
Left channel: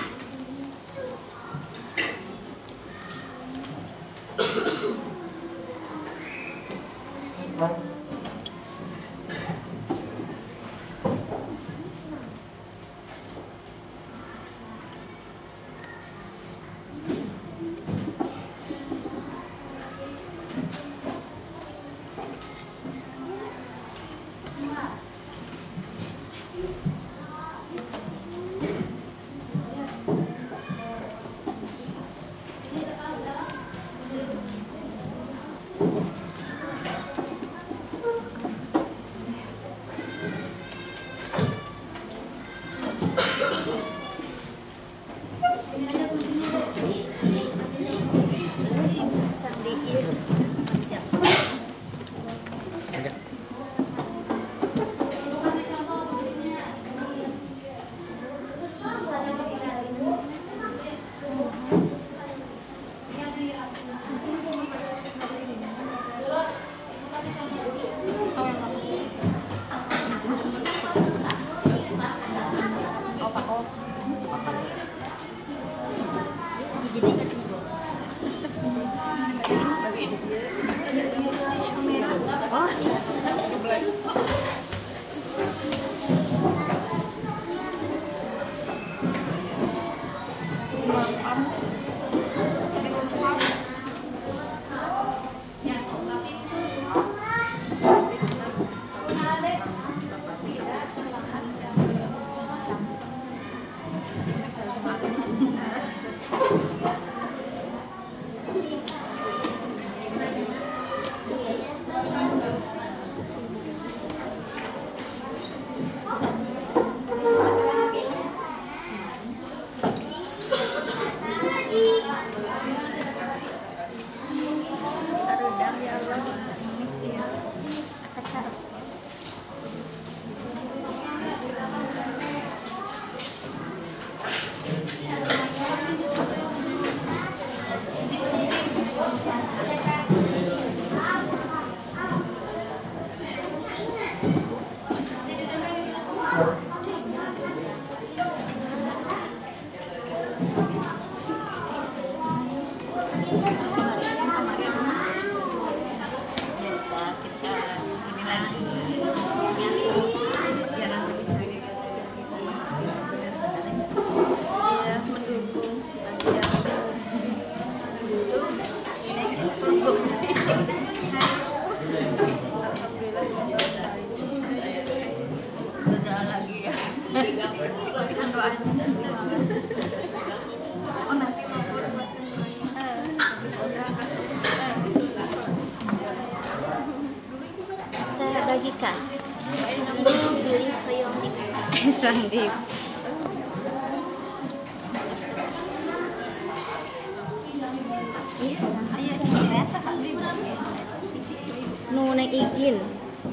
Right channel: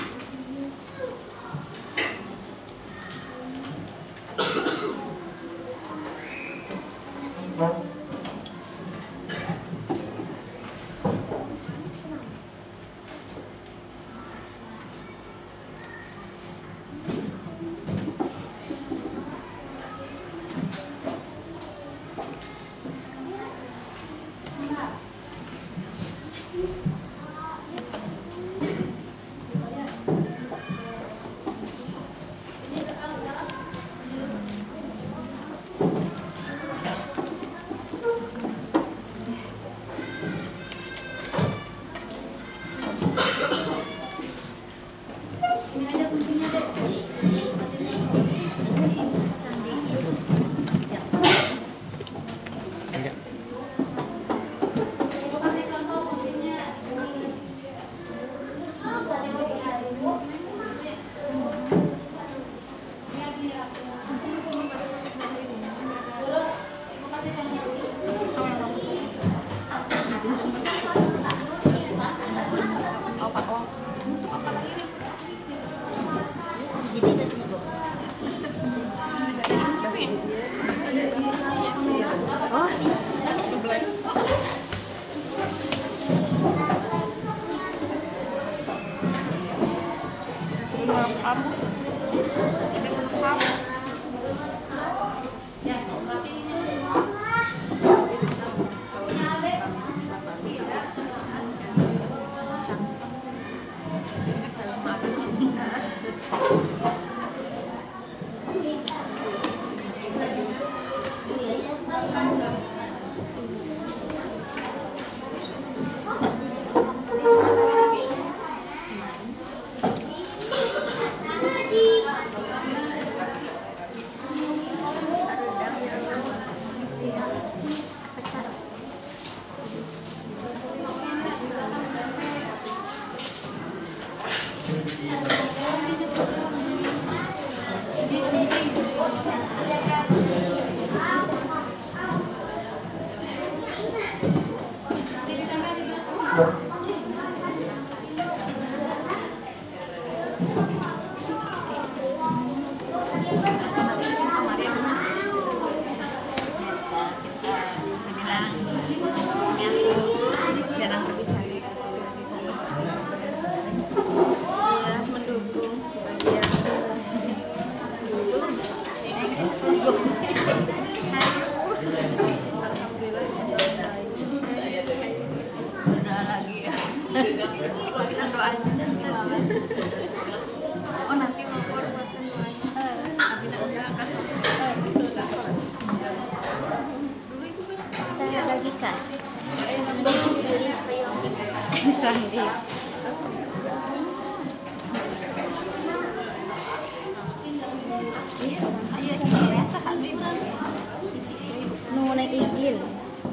Mau naik izin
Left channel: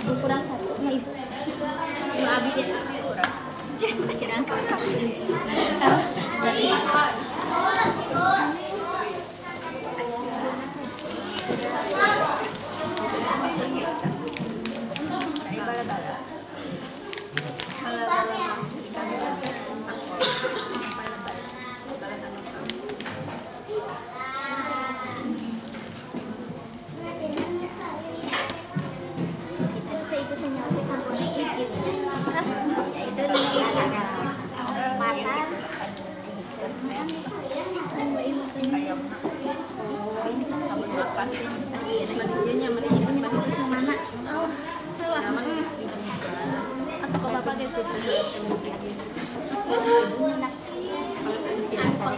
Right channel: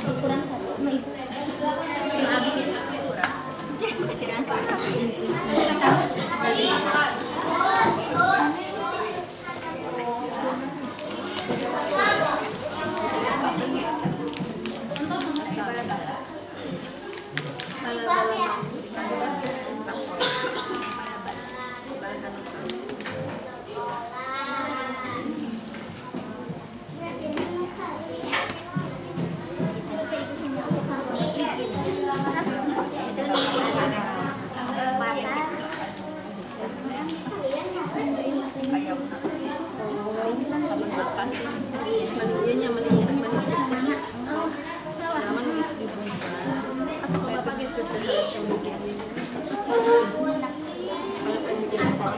ukuran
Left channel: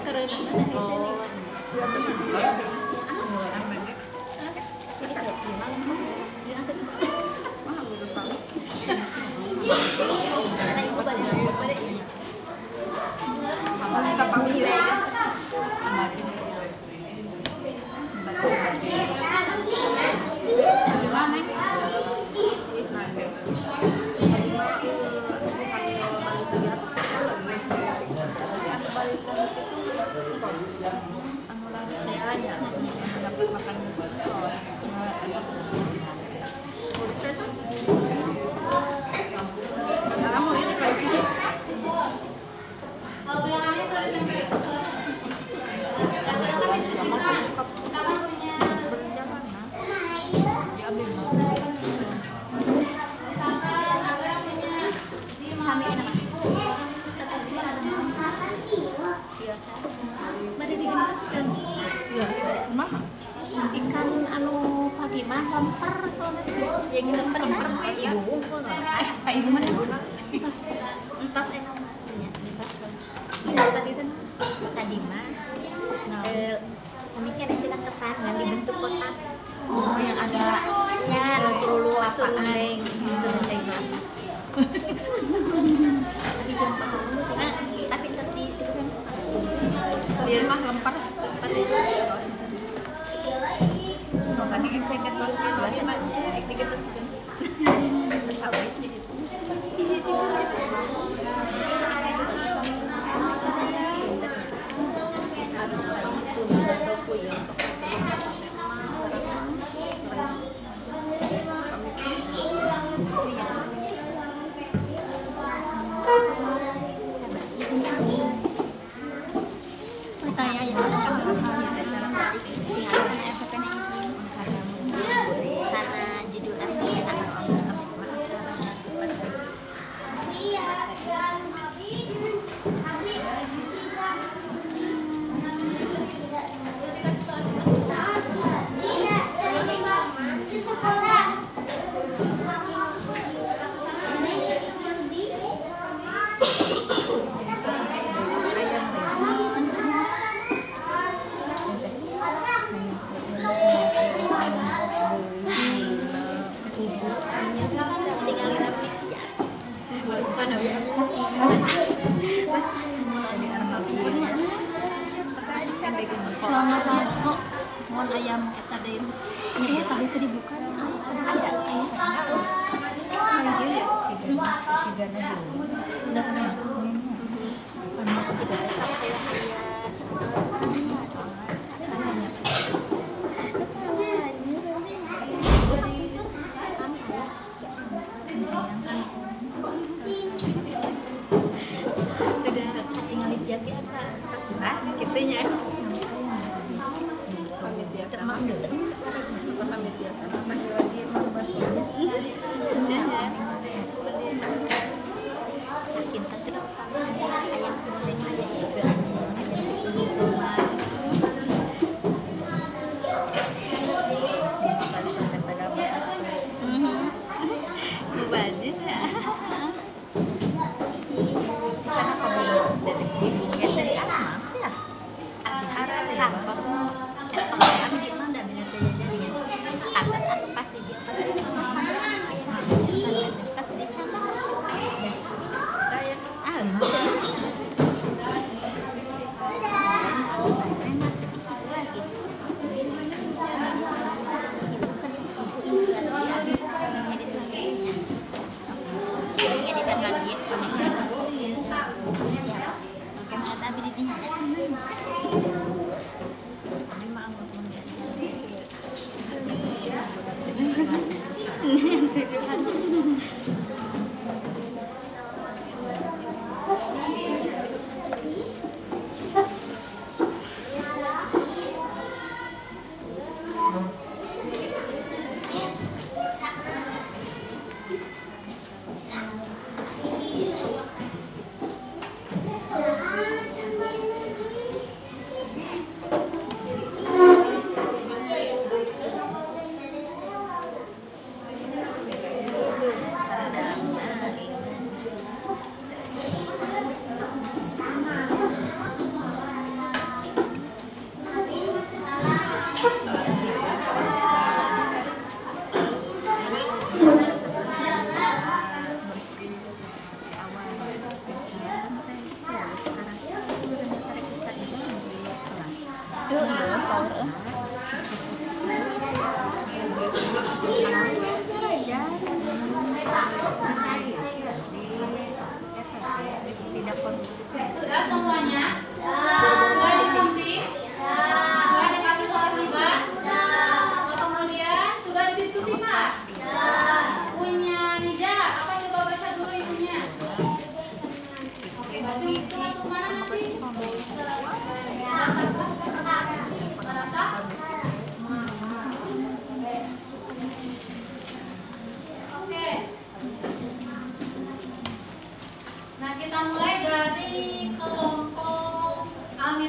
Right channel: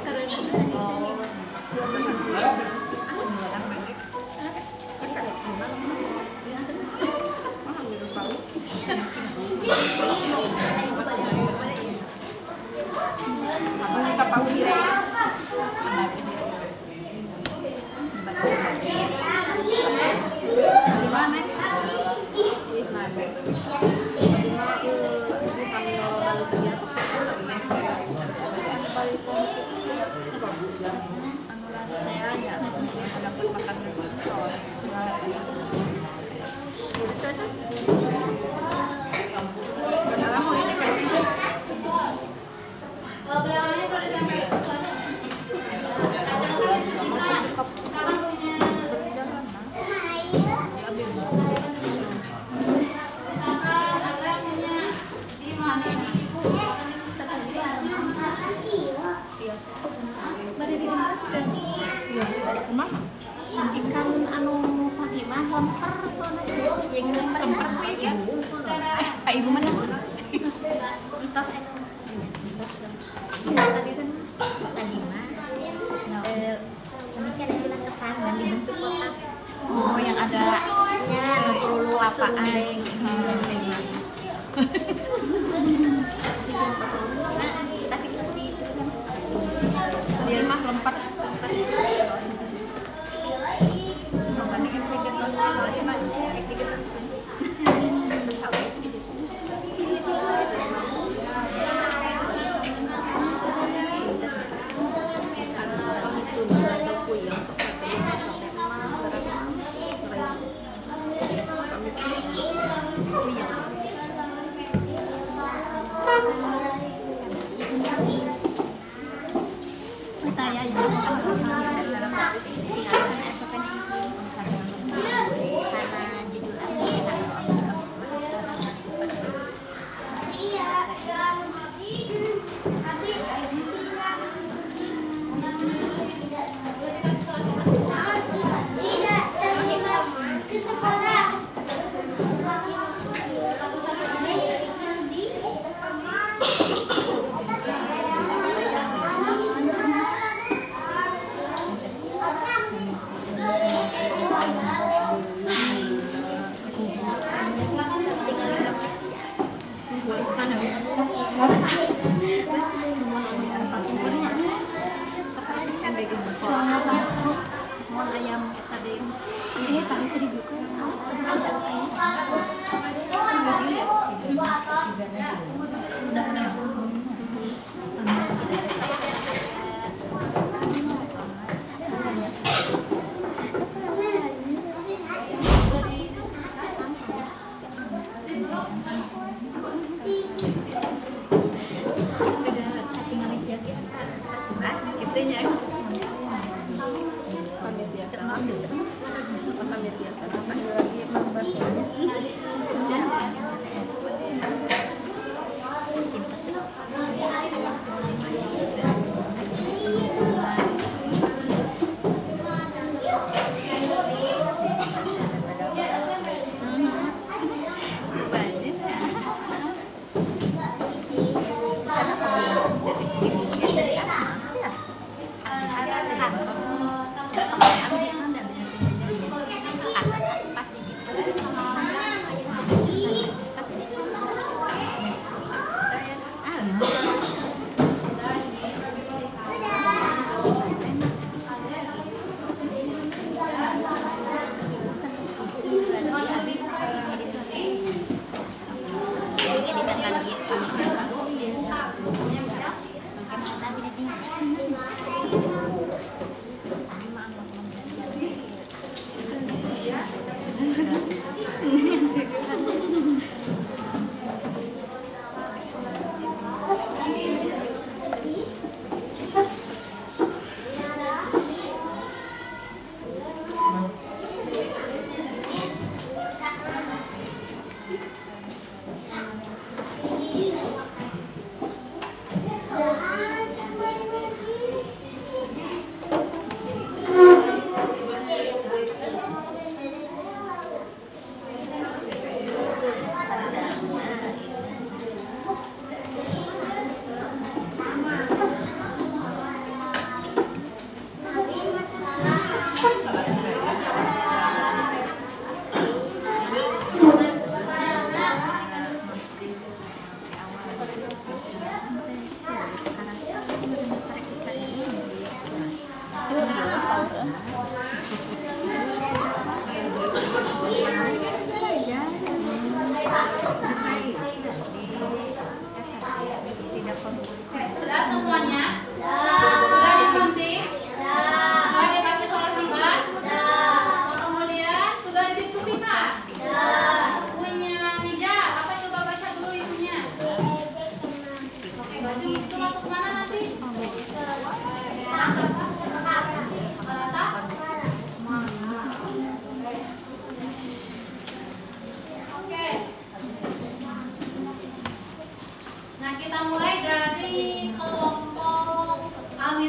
Kalau Belakangnya sudah ditempel. Silakan dibersihkan. Misalkan punya misalkan akrabnya di mami di ibu, akan dibersihkan. Mari didimaskan. Mama. Ikan anu Fatimah lempar soalnya. Yang lempar ibu. Ibu mana? Entos enak. Tadi kan tadi mah semikian yang kita ketan dan dibentuk kotak. Oh, yang ada Ya, perlu lapaan. Nah, tapi terus di Dia mah lempar. Kami vegetarian mau ayam tadi tadi buka pamit biasa pamit biasa panggil lagi Mang Baso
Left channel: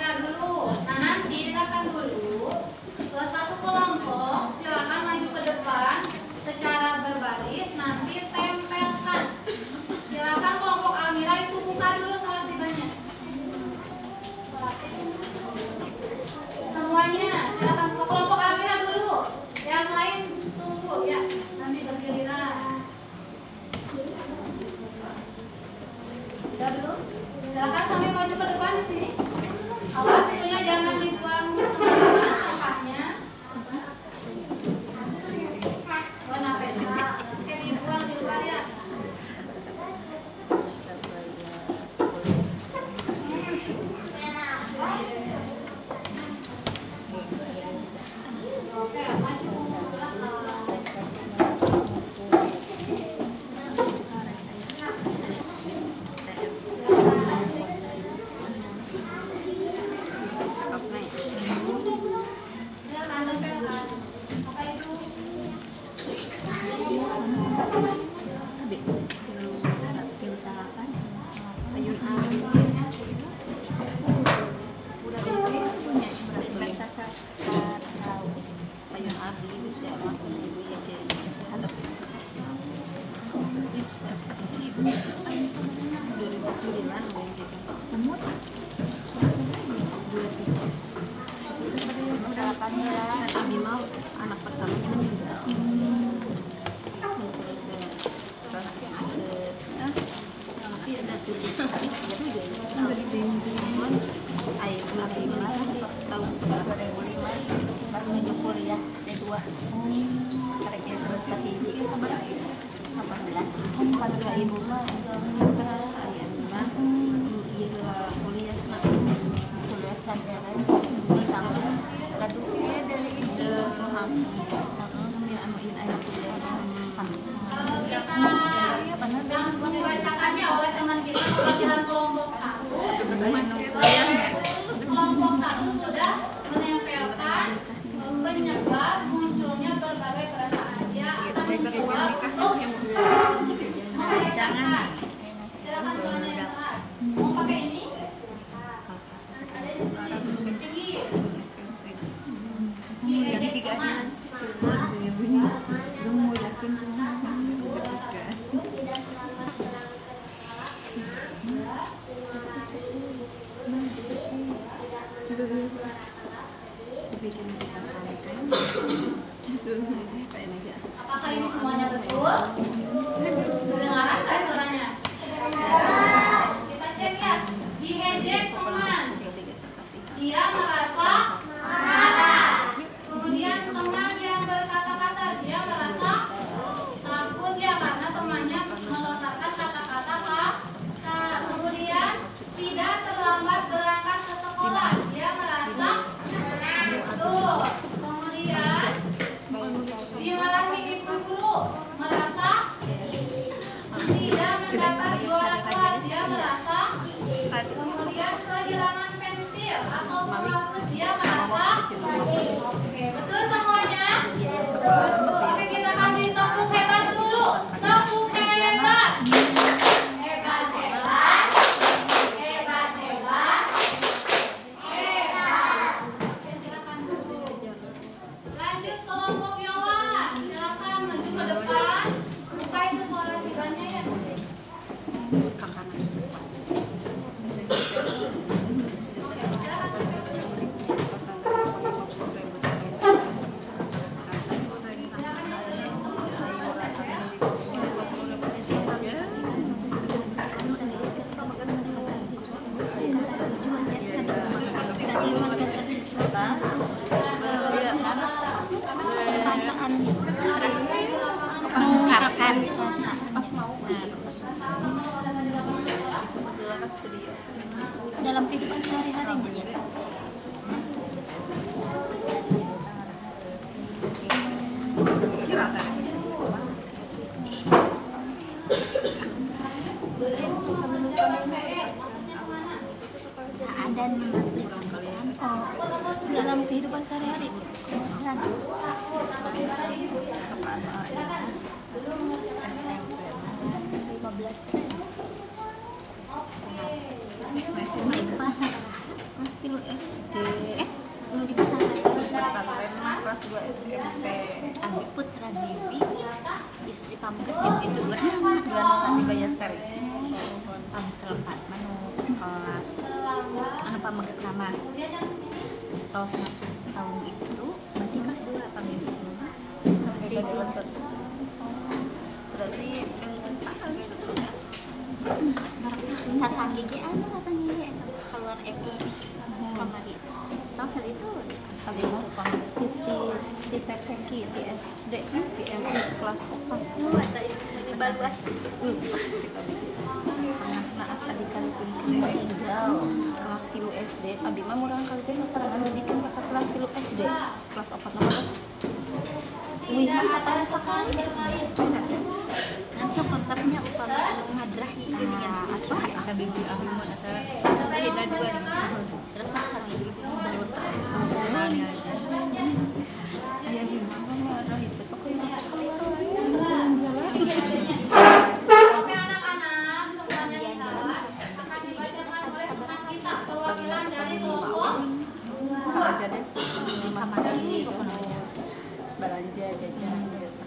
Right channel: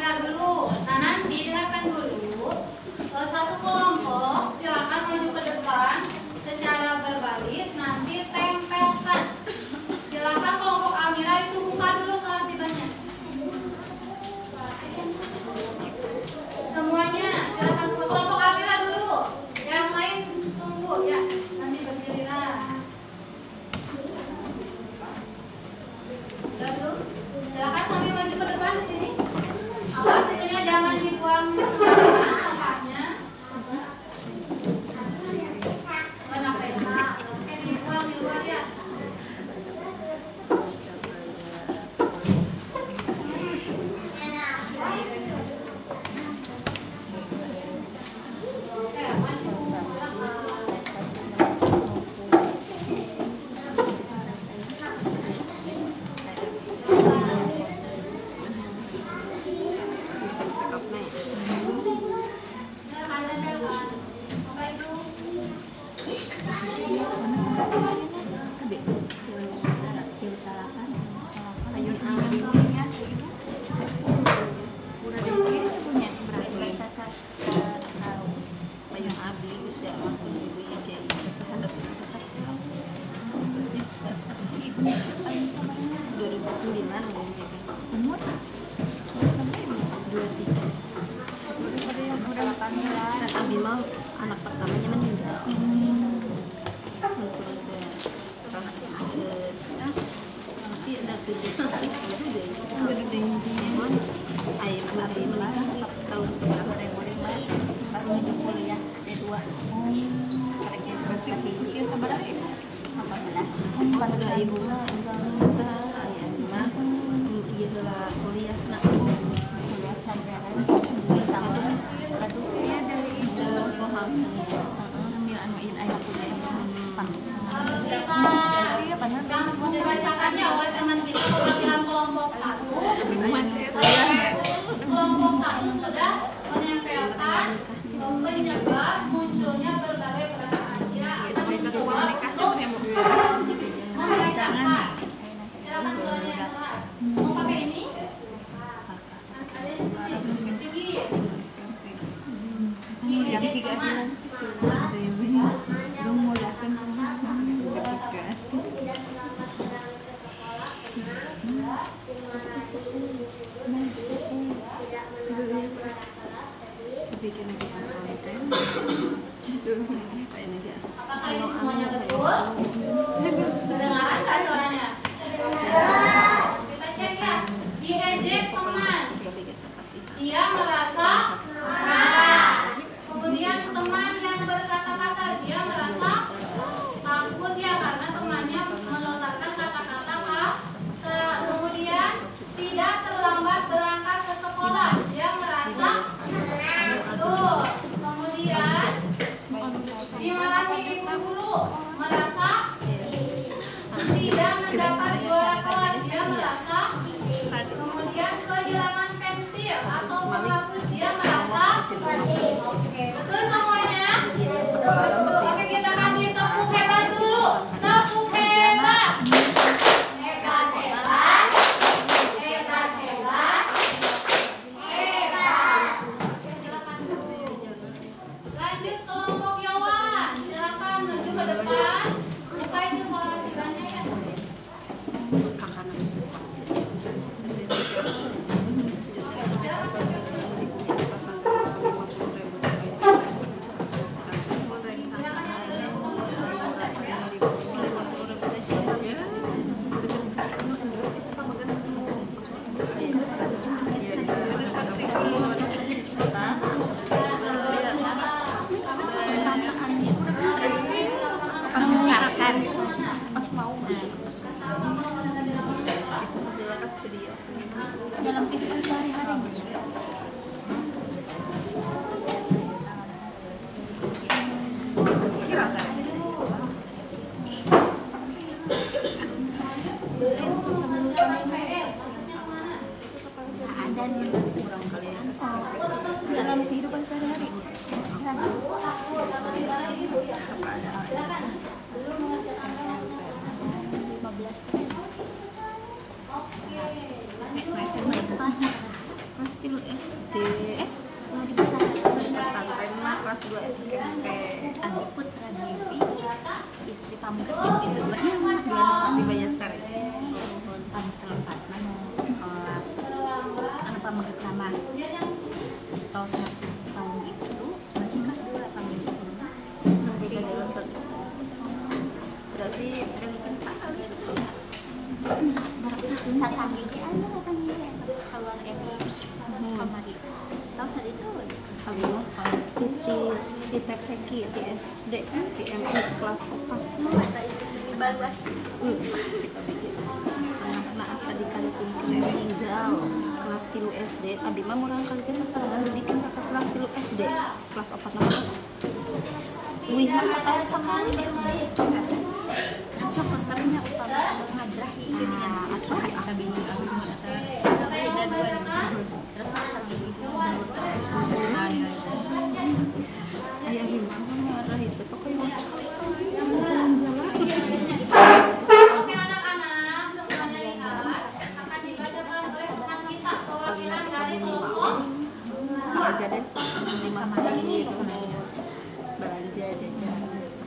kamera dulu. Nah, nanti dengarkan dulu. Satu kelompok silakan maju ke depan secara berbaris, nanti tempelkan. Silakan kelompok Amira itu buka dulu solasibannya. Semuanya silakan buka. Kelompok Amira dulu. Yang lain tunggu ya. Nanti bergiliran. Udah dulu. Silakan sambil maju ke depan di sini. Awas itunya jangan dibuang sembarangan sampahnya. Warna pesa. Dibuang di luar ya. Oke, maju. Anak pertamanya meninggal. Terus tapi ada 7 saksi baru deh. Air kemarin menikah 4 tahun seberapa baru kuliah D2. Tapi usia seberapa? 18. Pada ibu mah udah ayah mah iya lah kuliah nak kuliah pelajaran sudah sampai lalu soham kita langsung bacakan ya oleh teman kita perwakilan kelompok 1. Kelompok 1 sudah menempelkan penyebab munculnya berbagai perasaan. Dia akan mencoba untuk membacakan. Silakan suaranya yang keras. Mau pakai ini? Ada di sini. Tinggi. Ejek teman. Apakah ini semuanya betul? Kedengaran nggak suaranya? Kita cek ya. Diejek teman. Dia merasa marah. Kemudian teman yang berkata kasar, dia merasa takut ya karena temannya melontarkan kata-kata kasar. Kemudian tidak terlambat berangkat ke sekolah, dia merasa tuh. Kemudian dimarahi ibu guru, merasa tidak mendapat juara kelas, dia merasa. Kemudian kehilangan pensil atau penghapus, dia merasa. Oke, betul semuanya? Betul. Oke, kita kasih tepuk hebat dulu. Tepuk hebat. Hebat, hebat. Hebat, hebat. Hebat. Oke, silakan. Lanjut kelompok Yawan. Silakan maju ke depan. Buka itu solasibannya ya. Kakak itu sama. Pas mau masuk ke pas dalam kehidupan sehari-hari dalam kehidupan sehari-hari. Pasti lo S. 2 SMP. Andi Putra Dewi, istri pamungkas Itu 2 tapi bayar sari. pamungkas kelas anak pamungkas lama tahun semester tahun itu berarti kelas 2 pamungkas Sampai pada lepas. Berarti benteng sekali. barak tahun saat gigi aja katanya kawan Evi hari itu tahu saat itu Kali mah di TPK di SD di MI kelas 4. ini bagus Cek abdi setengah na asa dikalikeun meninggal kelas 3 SD. Abdi mah murang kalikeun sasarangan didikin ka kelas 3 SD. Kelas 4 na terus. Wih, masa kaya sakali bermain. kan pasarnya ngadrahi Atrahi kita bingung beda dua terus sama ini Ayah gimana merah itu besok kayak jalan-jalan. Oke anak-anak, semuanya lihat akan dibacakan oleh teman kita perwakilan dari kelompok Kalau aja deh di masa ini belanja jajan gitu.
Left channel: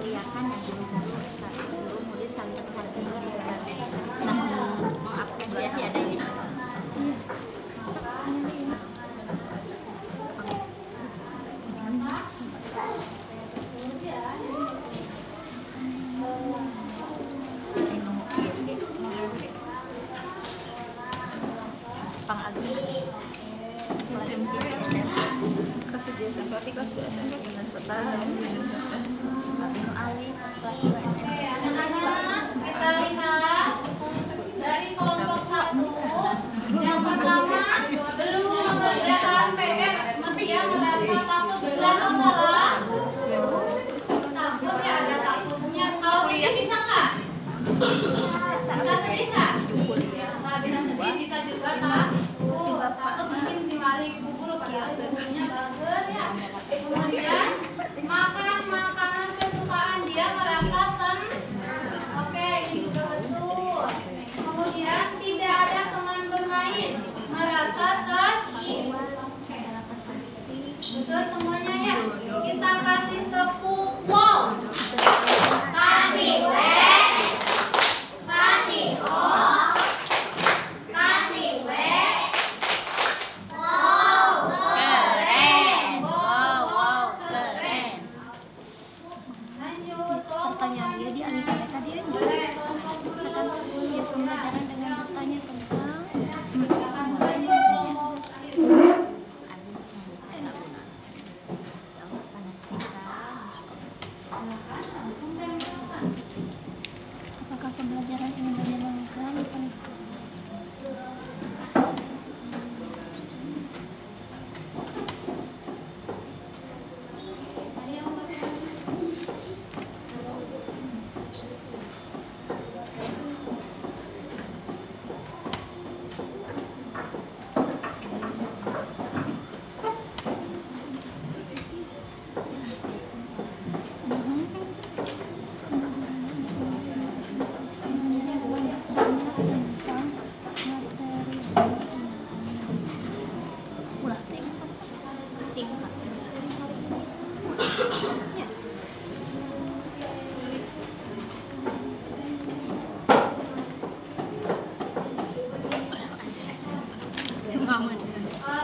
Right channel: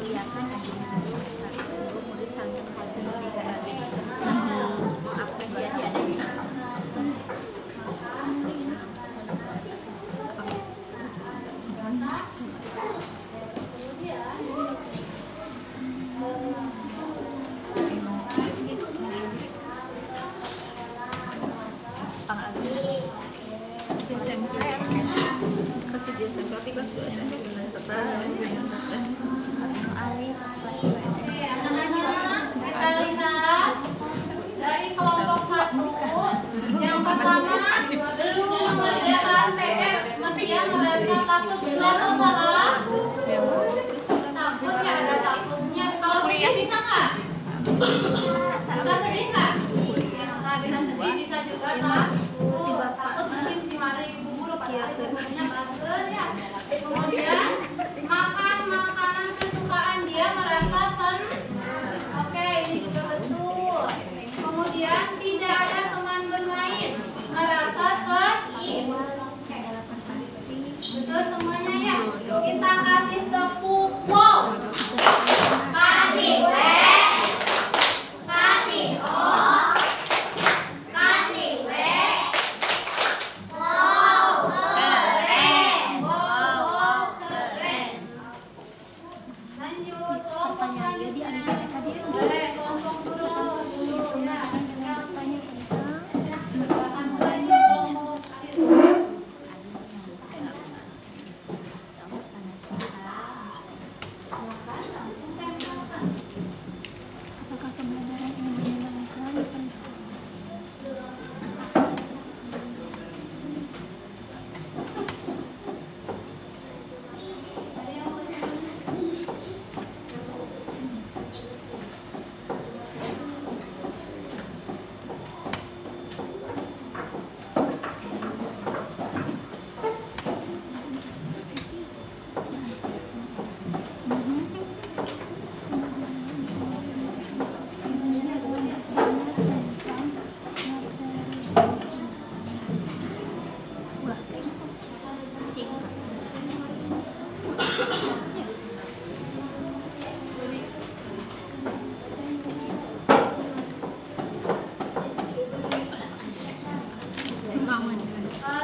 iya kan jadi sampai hati maafkan ya adanya Kelas 1 SMP tapi kelas 2 SMP dengan setara. Alif kelas 2 Oke, anak-anak, kita lihat dari kelompok 1 yang pertama belum mengerjakan PR, mestinya merasa takut, benar atau salah? Takut ya, ada takutnya. Kalau sedih bisa nggak? Bisa sedih nggak? Bisa sedih, bisa juga tak? Takut mungkin di hari ibu guru, padahal ibu gurunya belajar ya. Kemudian makan makanan kesukaan dia merasa oke, ini juga betul. Kemudian tidak ada teman bermain merasa betul semuanya ya. Kita kasih tepuk wow. Kasih W, kasih O, kasih W. Wow, keren. Wow, keren. Lanjut kelompok pertanyaan dia di anak mereka dia boleh kelompok dulu dia pembelajaran dengan bertanya silakan mulai di kelompok silakan langsung tempelkan. apakah pembelajaran ini menyenangkan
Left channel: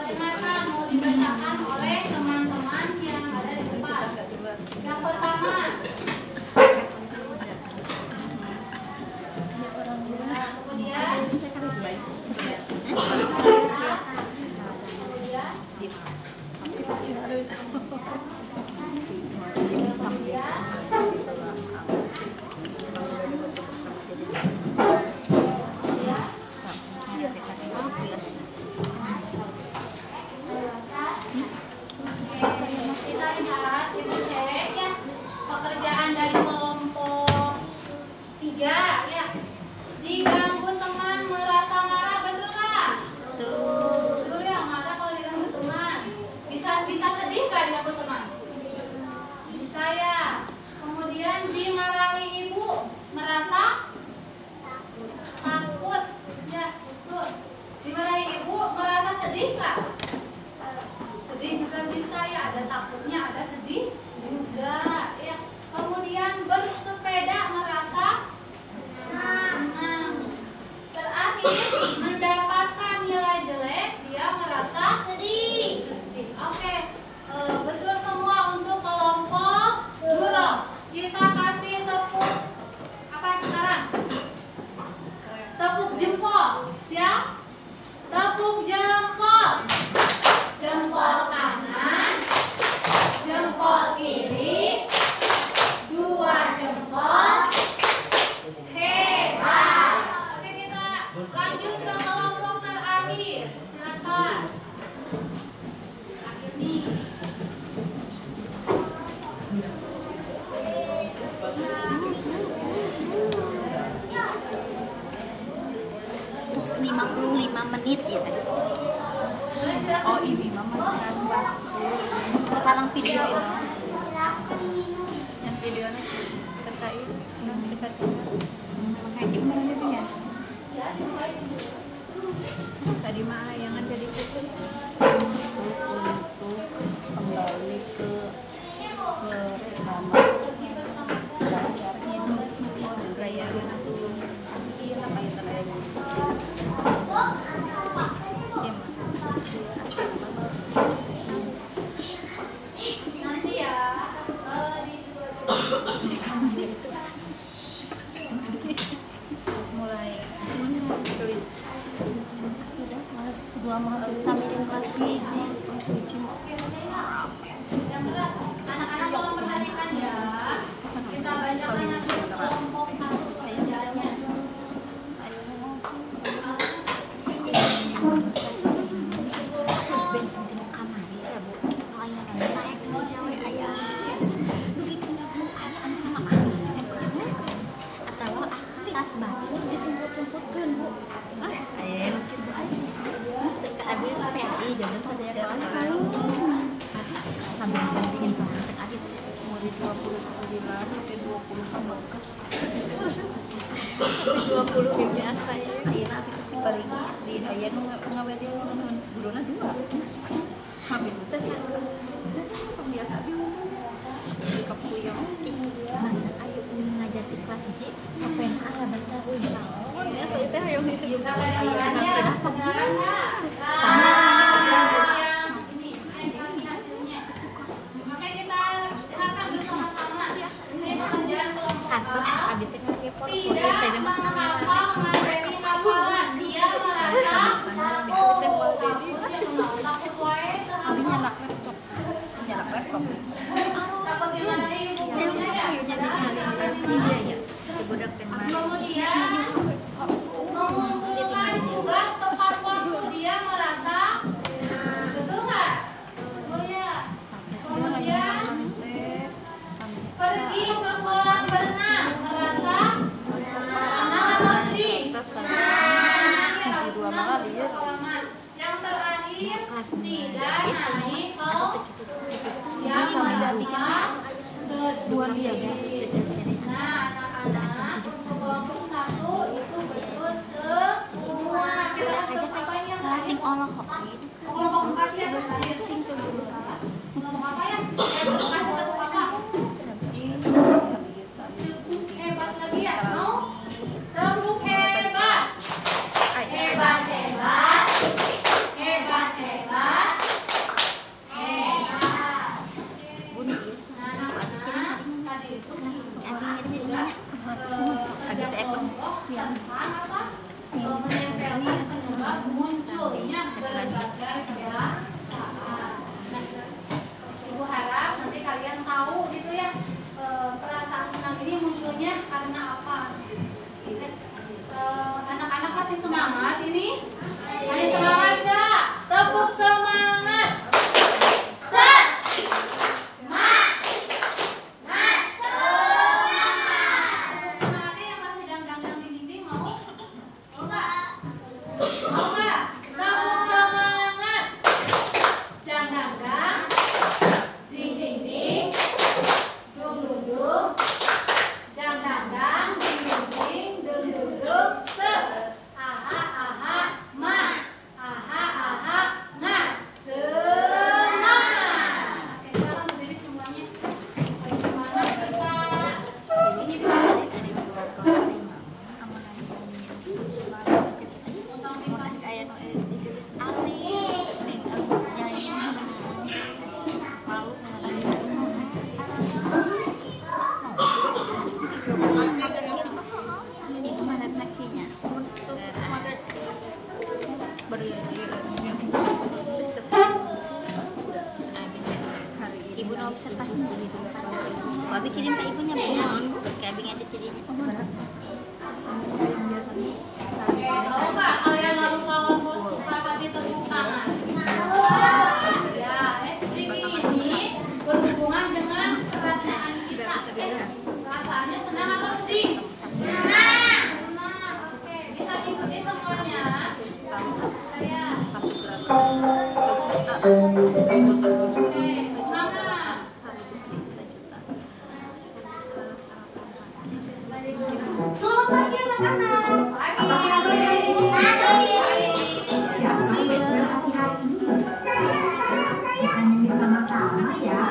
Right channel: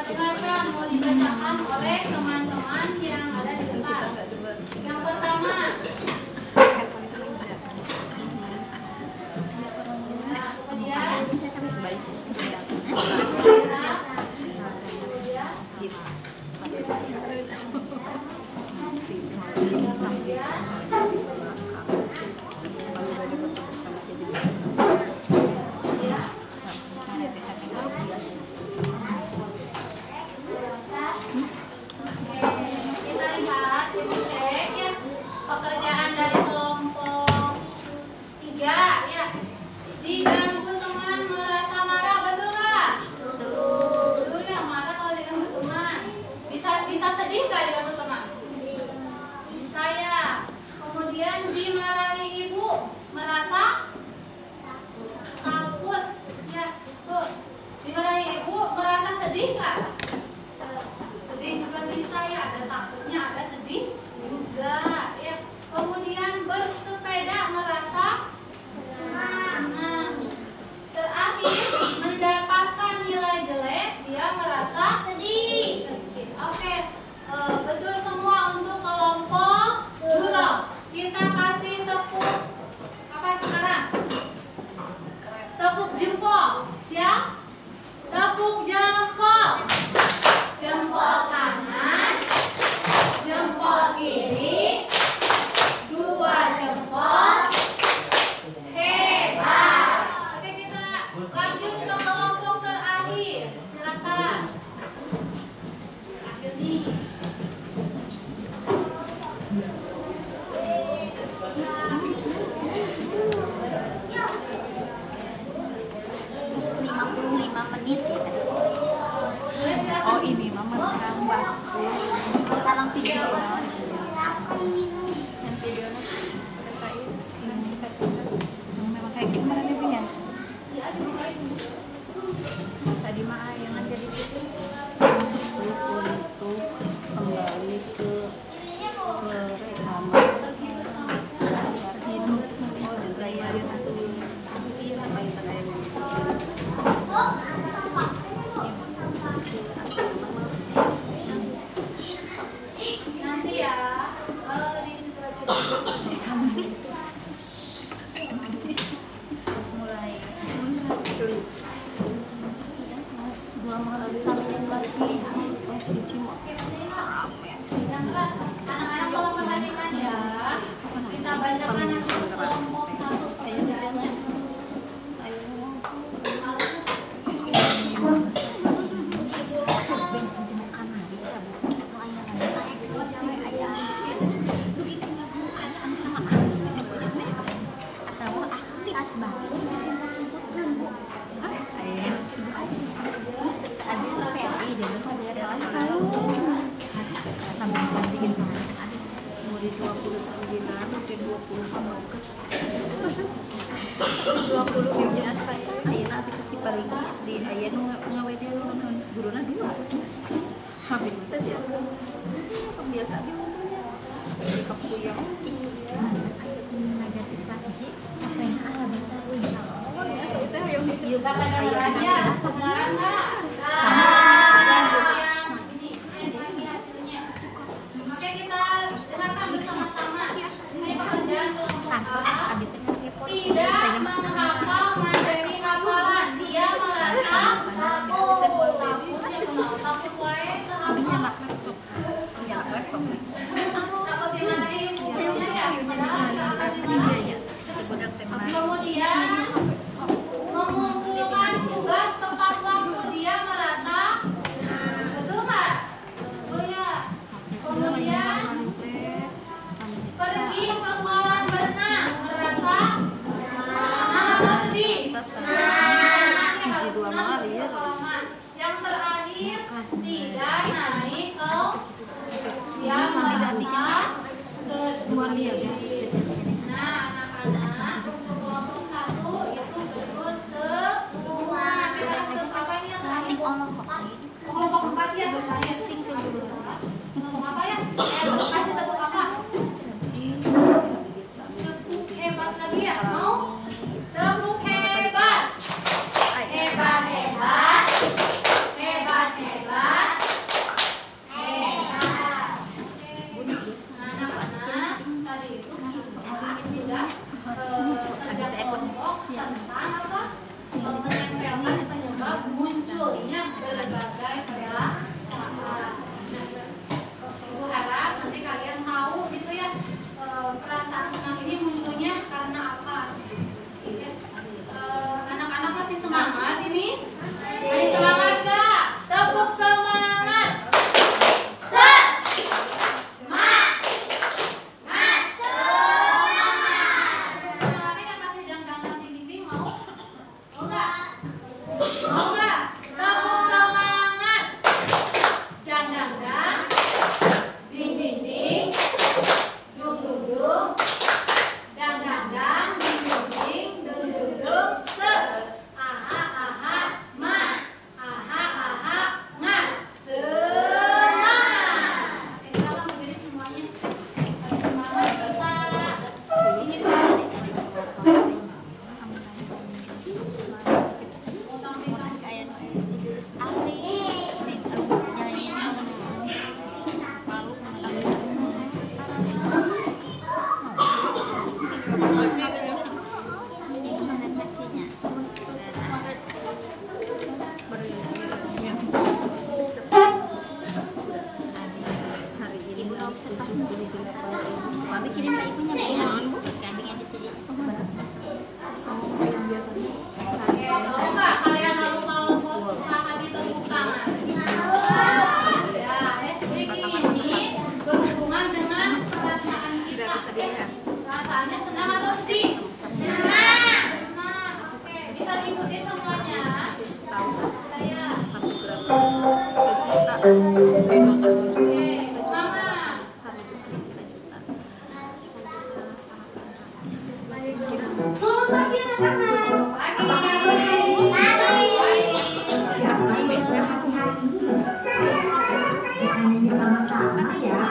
Dengarkan, mau dibacakan oleh teman-teman yang ada di depan. Yang pertama, kemudian kita lihat, kita cek ya pekerjaan dari kelompok 3 ya. Diganggu teman merasa marah, betul jempol. Siap? Tepuk jempol. Jempol kanan, jempol kiri, 2 jempol. Hebat. Oke, kita lanjut ke kelompok terakhir. Silakan. Akhir nih. Terus 55 menit ya tadi. Oh ini mama Sarang video. yang videonya terkait kayak gimana nih Pin, ya? Tadi mah yang jadi itu untuk kembali ke rekaman layar hidup layar itu apa yang terjadi Nanti ya, di situ aja. terus mulai tulis Mas, gua sampai masih Yang kelas, anak-anak tolong perhatikan ya. Kita bacakan hasil kelompok 1 pekerjaannya. umur 29 sampai 20 sama ke 20 biasa ya. ayeuna abi kecil paling di aya nu ngawede guruna 2 habis mah teh biasa sok biasa abi di kapuyang Ngajar di kelas ini capek lah batas sih. ieu Kakak aya dengarkan di ya, kasih dengarkan nggak? Yang ini, ini hasilnya. Oke, kita dengarkan bersama-sama. Ini pekerjaan kelompok A. Tidak menghafal materi hafalan. Dia merasa takut wae. abi nyalak laptop Takut gimana nih bukunya ya? budak teh Kemudian mengumpulkan tugas tepat waktu. Dia merasa betul nggak? Betul ya. Kemudian pergi ke kolam berenang. Merasa senang atau sedih? Senang ya, Puji dua senang. malah ya. Yang terakhir tidak naik ke dia Sama merasa luar biasa Nah, anak-anak untuk kelompok 1 itu betul semua. Kita untuk apa ini yang terakhir? Kelompok 4 ya. pusing ke guru Kelompok apa ya? Kasih tepuk apa? Tepuk hebat lagi ya. Mau? Tepuk hebat. Hebat, hebat. Hebat, hebat. Anak-anak tadi itu sudah kerja kelompok tentang apa? Menempelkan penyebab munculnya berbagai perasaan. Nah, Ibu harap nanti kalian tahu gitu ya, perasaan senang ini munculnya karena apa? Ya. Anak-anak masih semangat ini? Masih semangat gak? Tepuk semangat. Semangatnya yang kasih dang-dang di dinding mau? Mau nggak? Mau nggak? Tepuk semangat. Selamat pagi anak-anak. Nyanyi sama-sama ya.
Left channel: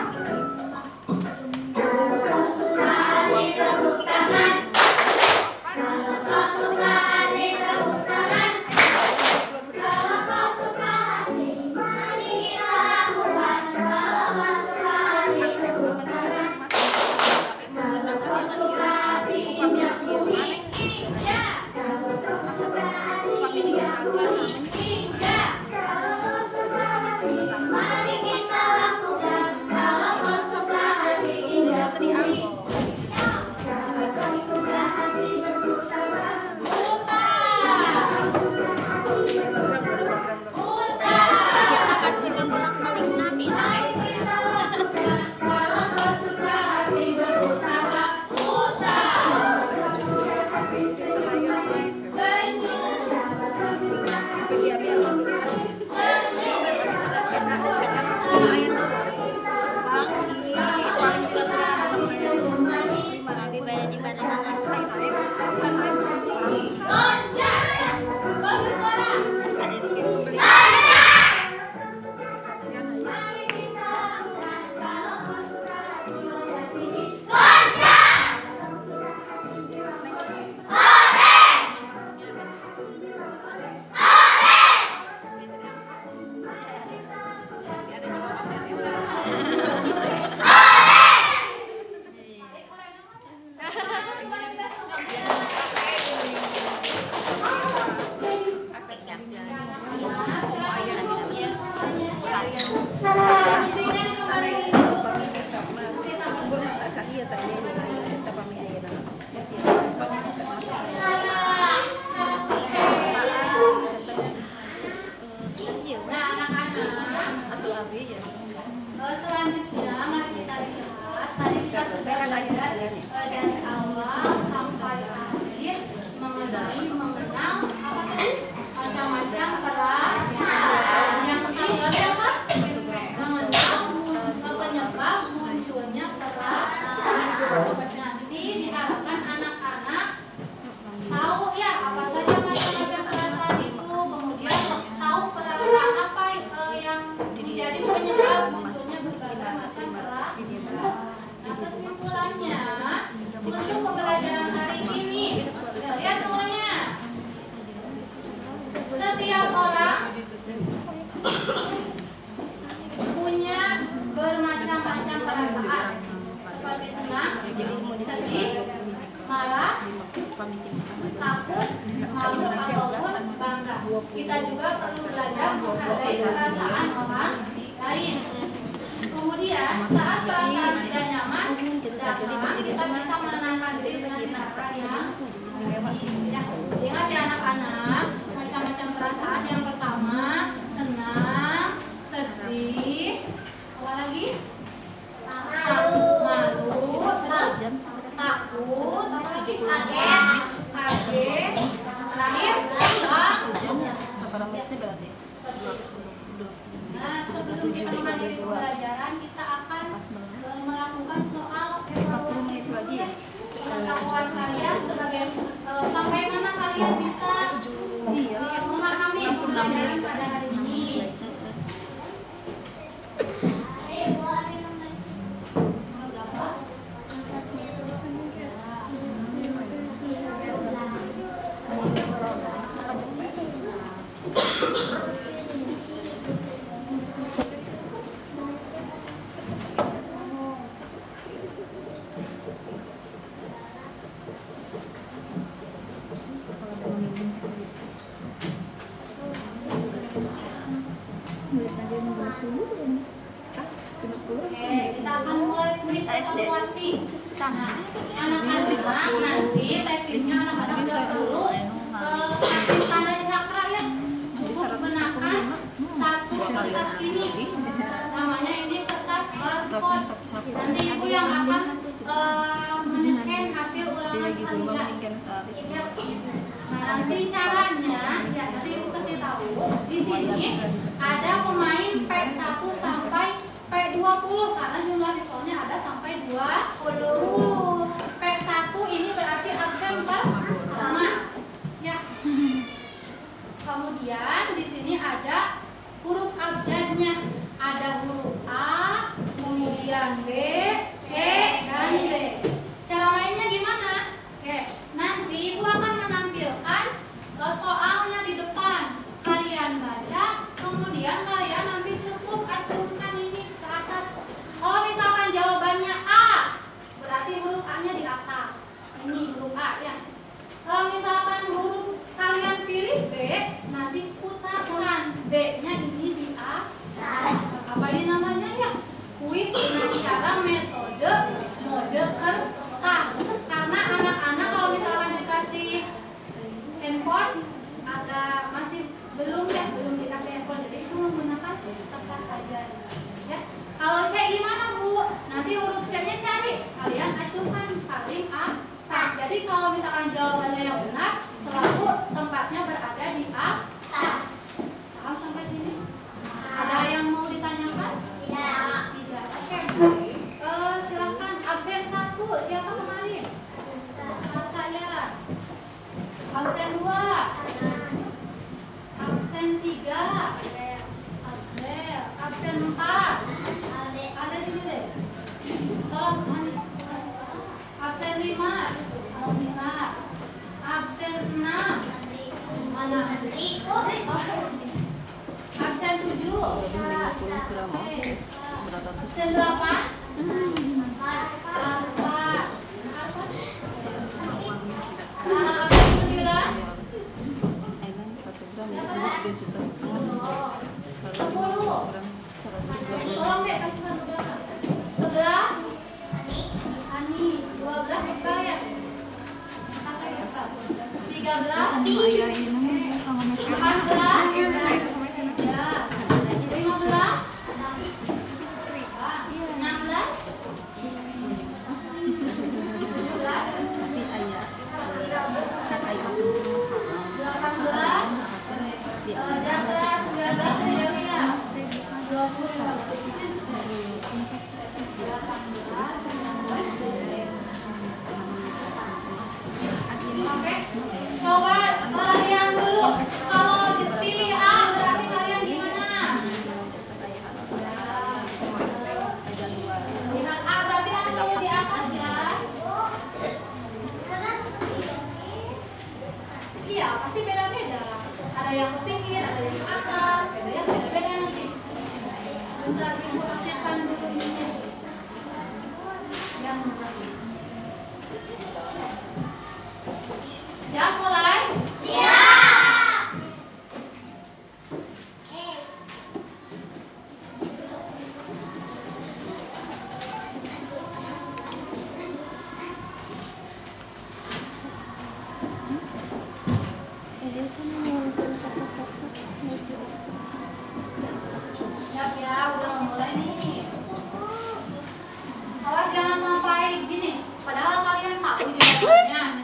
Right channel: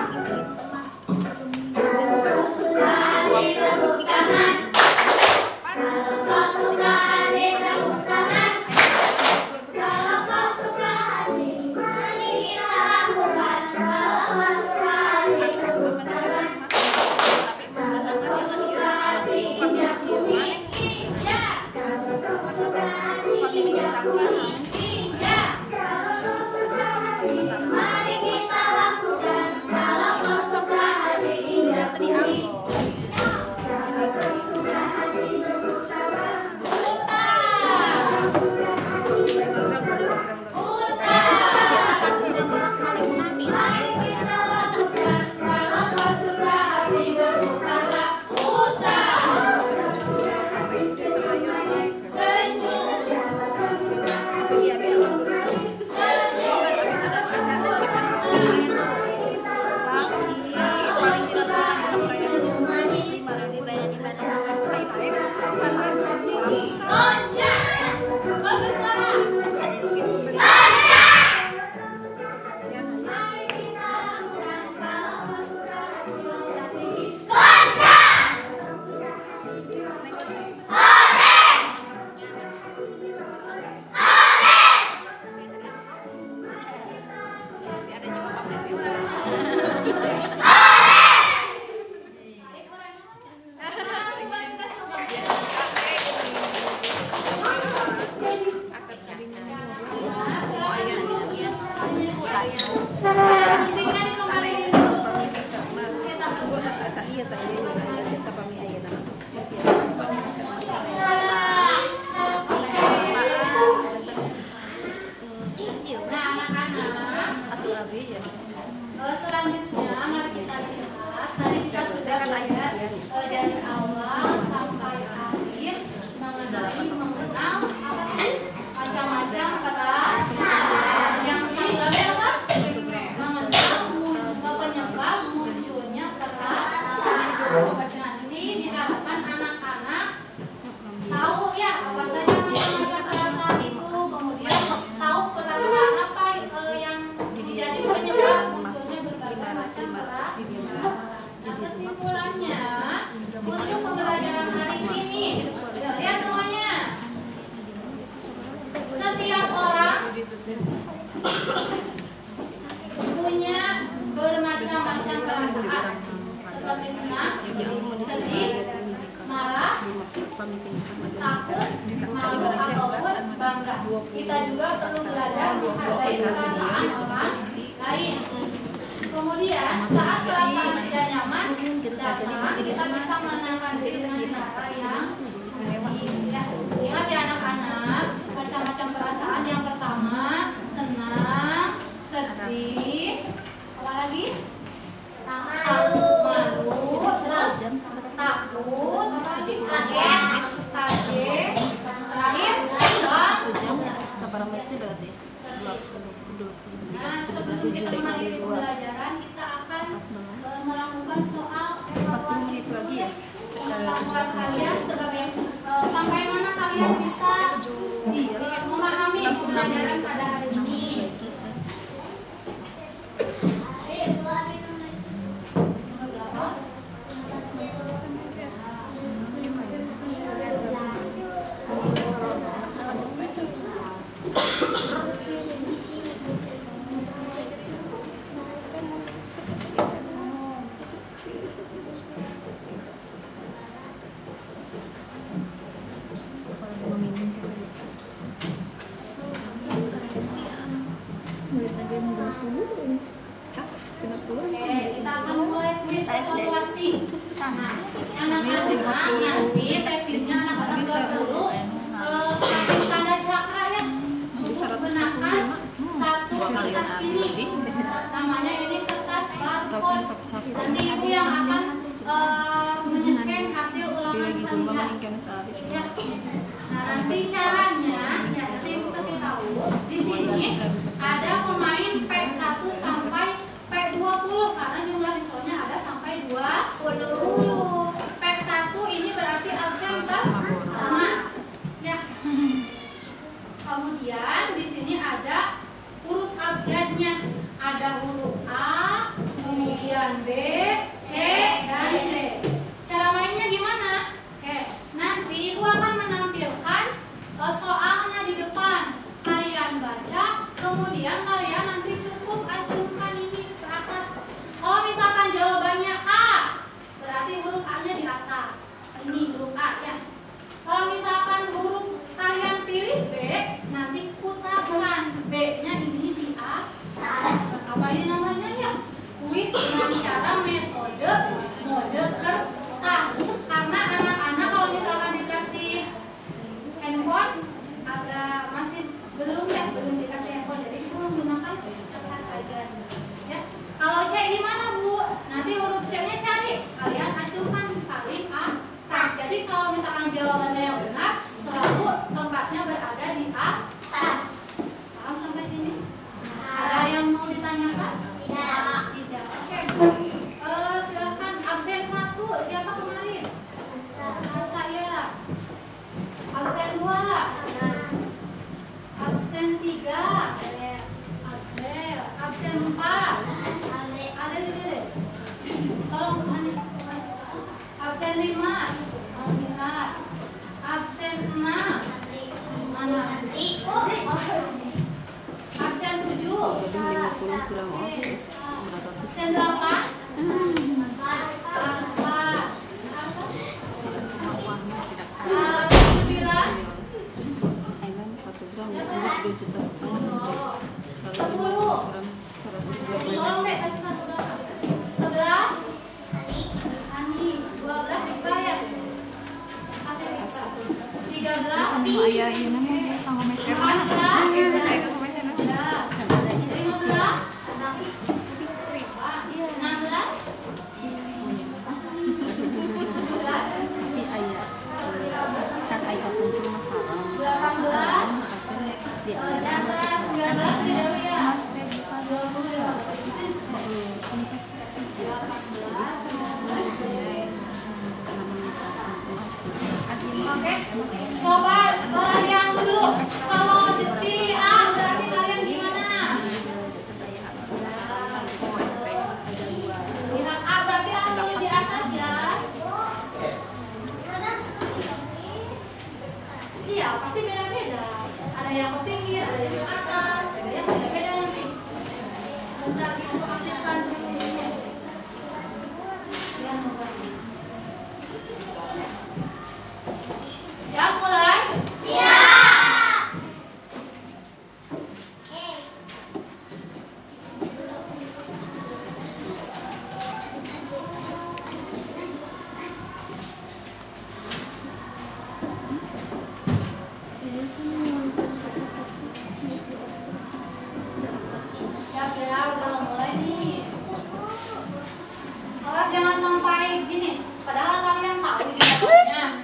Selanjutnya mari kita lihat tadi kita sudah belajar dari awal sampai akhir mengenai mengenal macam-macam peran yang satu lagi apa? Mengenal penyebab munculnya peran. Nanti diharapkan anak-anak tahu ya apa saja macam-macam perasaan itu, kemudian tahu perasaan apa yang menjadi penyebab munculnya berbagai macam perasaan. Nah, kesimpulannya untuk pembelajaran hari ini, lihat semuanya. Setiap orang punya bermacam-macam perasaan, seperti senang, sedih, marah, takut, malu ataupun bangga. Kita juga perlu belajar menghargai perasaan orang lain. Kemudian saat perasaan tidak nyaman datang, kita bisa menenangkan diri dengan cara yang ya. Ingat ya anak-anak, macam-macam perasaan. Yang pertama senang, sedih, apa lagi? Malu, terus takut, apa lagi? Kaget, terakhir berarti nah, sebelum kita mulai pembelajaran, kita akan melakukan soal evaluasi dulu ya. Pengetahuan kalian sebagai sampai mana kalian bisa memahami pembelajaran pada hari ini. Oke, kita akan mulai kuis evaluasi. Anak-anak nanti teknisnya anak-anak nggak perlu kasih tanda cakra ya, cukup gunakan satu kertas ini. Namanya ini kertas barcode. Nanti ibu yang akan menyeken hasil ulangan kalian. Ya. Nah, nanti caranya ya tadi ibu kasih tahu di sini ada pemain P1 sampai P20 karena jumlah siswanya ada sampai 20. P1 1 ini berarti absen pertama. Ya. Kemudian di sini ada huruf abjadnya. Ada huruf A, kemudian B, C, dan D. Cara mainnya gimana? Oke, nanti Ibu akan menampilkan soalnya di depan. Kalian baca, kemudian kalian nanti cukup acungkan ini ke atas. Kalau misalkan jawabannya A, berarti huruf A-nya di atas. Ini huruf A ya. Kalau misalkan huruf kalian pilih B, nanti putarkan B-nya ini di atas. Apa ini namanya ya? Kuis dengan cara metode mode kertas. Karena anak-anak kalau misalkan dikasih handphone agak masih belum dikasih handphone, jadi semua menggunakan kertas saja. Ya. Kalau C gimana Bu? Nanti huruf C-nya cari, kalian acungkan paling atas. Jadi kalau misalkan jawabannya yang benar, selalu tempatnya berada di atas. Paham sampai sini? Ada yang mau ditanyakan? Tidak. Oke. Silakan absen 1 siapa kemarin? Saya. Absen 2. Absen 3. Adel. Absen 4. Ada sini deh. Tolong absen 5. Almira. Absen 6. Mana? Absen 7. Lebih 50 gram oces berapa tuh? Absen 8. Apa? Absen 9. Ailan 1 gram ya, ini 2,5 juta. Kalau 5 gram 120 Tolong deh kasih tahu berapa? 11. Ani 12 dibayar. Kasih berapa? 13. Ayah ini sama mesra. 14. 15. 16. tapi ayah kan ayah pun mahal. 18. Di 19. 20. investasi Oke, coba kalian dulu. Kalau dipilih A berarti kalian gimana? Lihat A berarti langsung di atas ya. Iya, pasti beda-beda. Ada yang ke pinggir, ada yang ke atas, ada yang beda-beda nanti. Sebentar Ibu aktifkan dulu. Yang mulai. Siap mulai? Siap. Siap ya, udah mau mulai nih. Awas jangan sampai gini. Padahal kalian tahu jawabannya.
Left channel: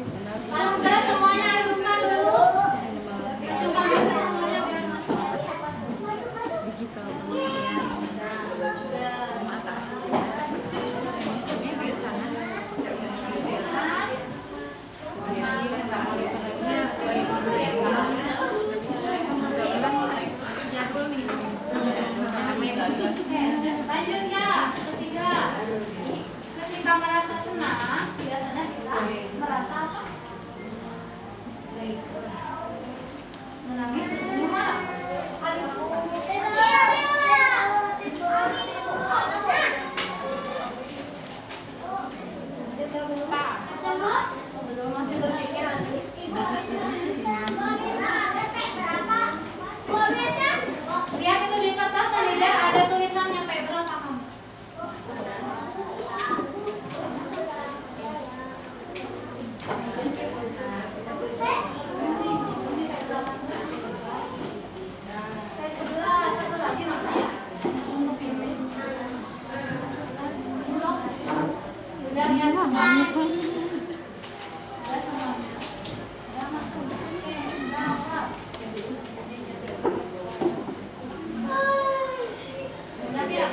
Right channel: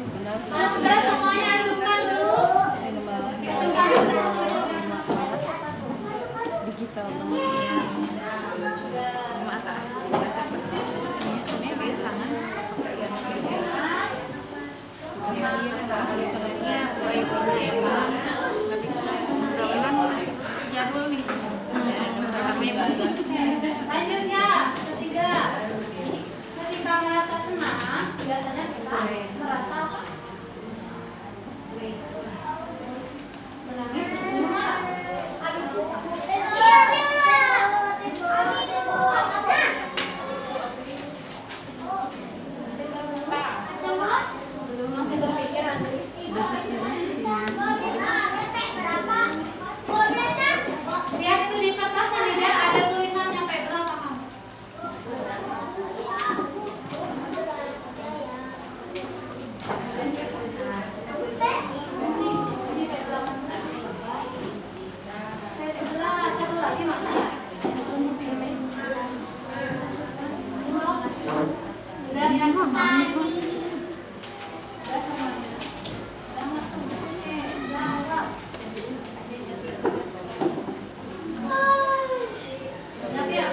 Sebentar semuanya ajukan dulu. Ajukan dulu semuanya biar masuk cepat. digital Lanjut ya, ketiga. Ketika merasa senang, biasanya kita merasa apa? Senangnya tersenyum marah. Belum masih berpikir nanti. Lihat itu di kertas dan ada tulisan nyampe berapa kamu? Satu lagi mana ya? Udah ya semua. Udah semua. Udah masuk. Oke, udah hafal. Ingat ya,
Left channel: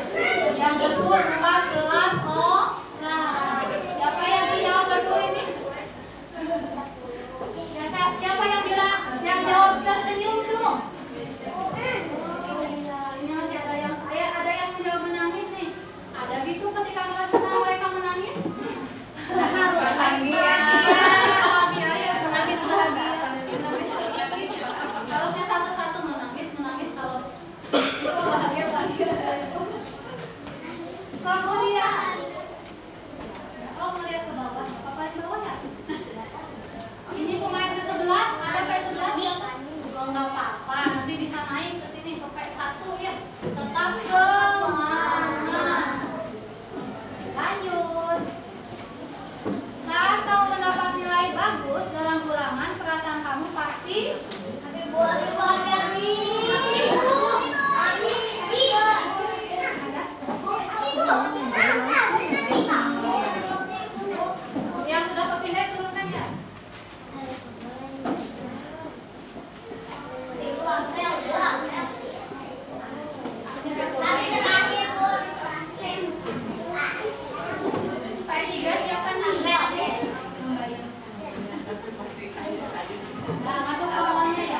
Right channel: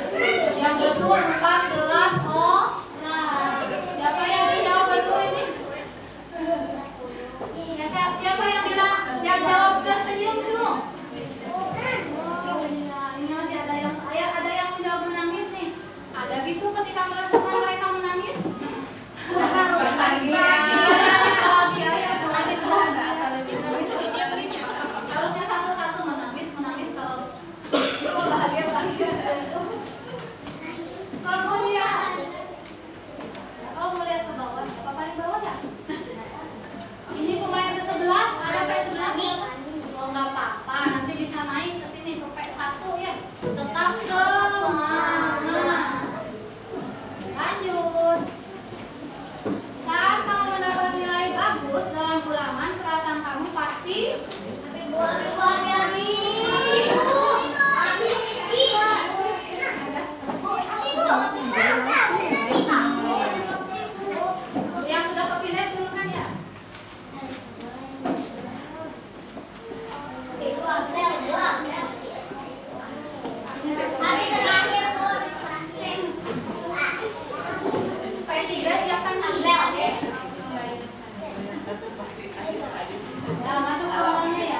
yang betul 14 orang. Siapa yang jawab betul ini? Ya, siapa yang bilang yang jawab tersenyum cung? Ini masih ada yang menjawab menangis nih. Ada gitu ketika merasakan mereka menangis? Harusnya satu-satu menangis kalau bahagia. Kalau melihat ke bawah, papa di bawah ya? Ini pemain ke-11, ada P11. Oh nggak apa-apa, nanti bisa naik ke sini ke P1 ya. Tetap semangat. Lanjut. Saat kamu mendapat nilai bagus dalam ulangan, perasaan kamu pasti yang sudah kepindah turunkan ya. P3 siapa nih? Ya, masuk semuanya ya.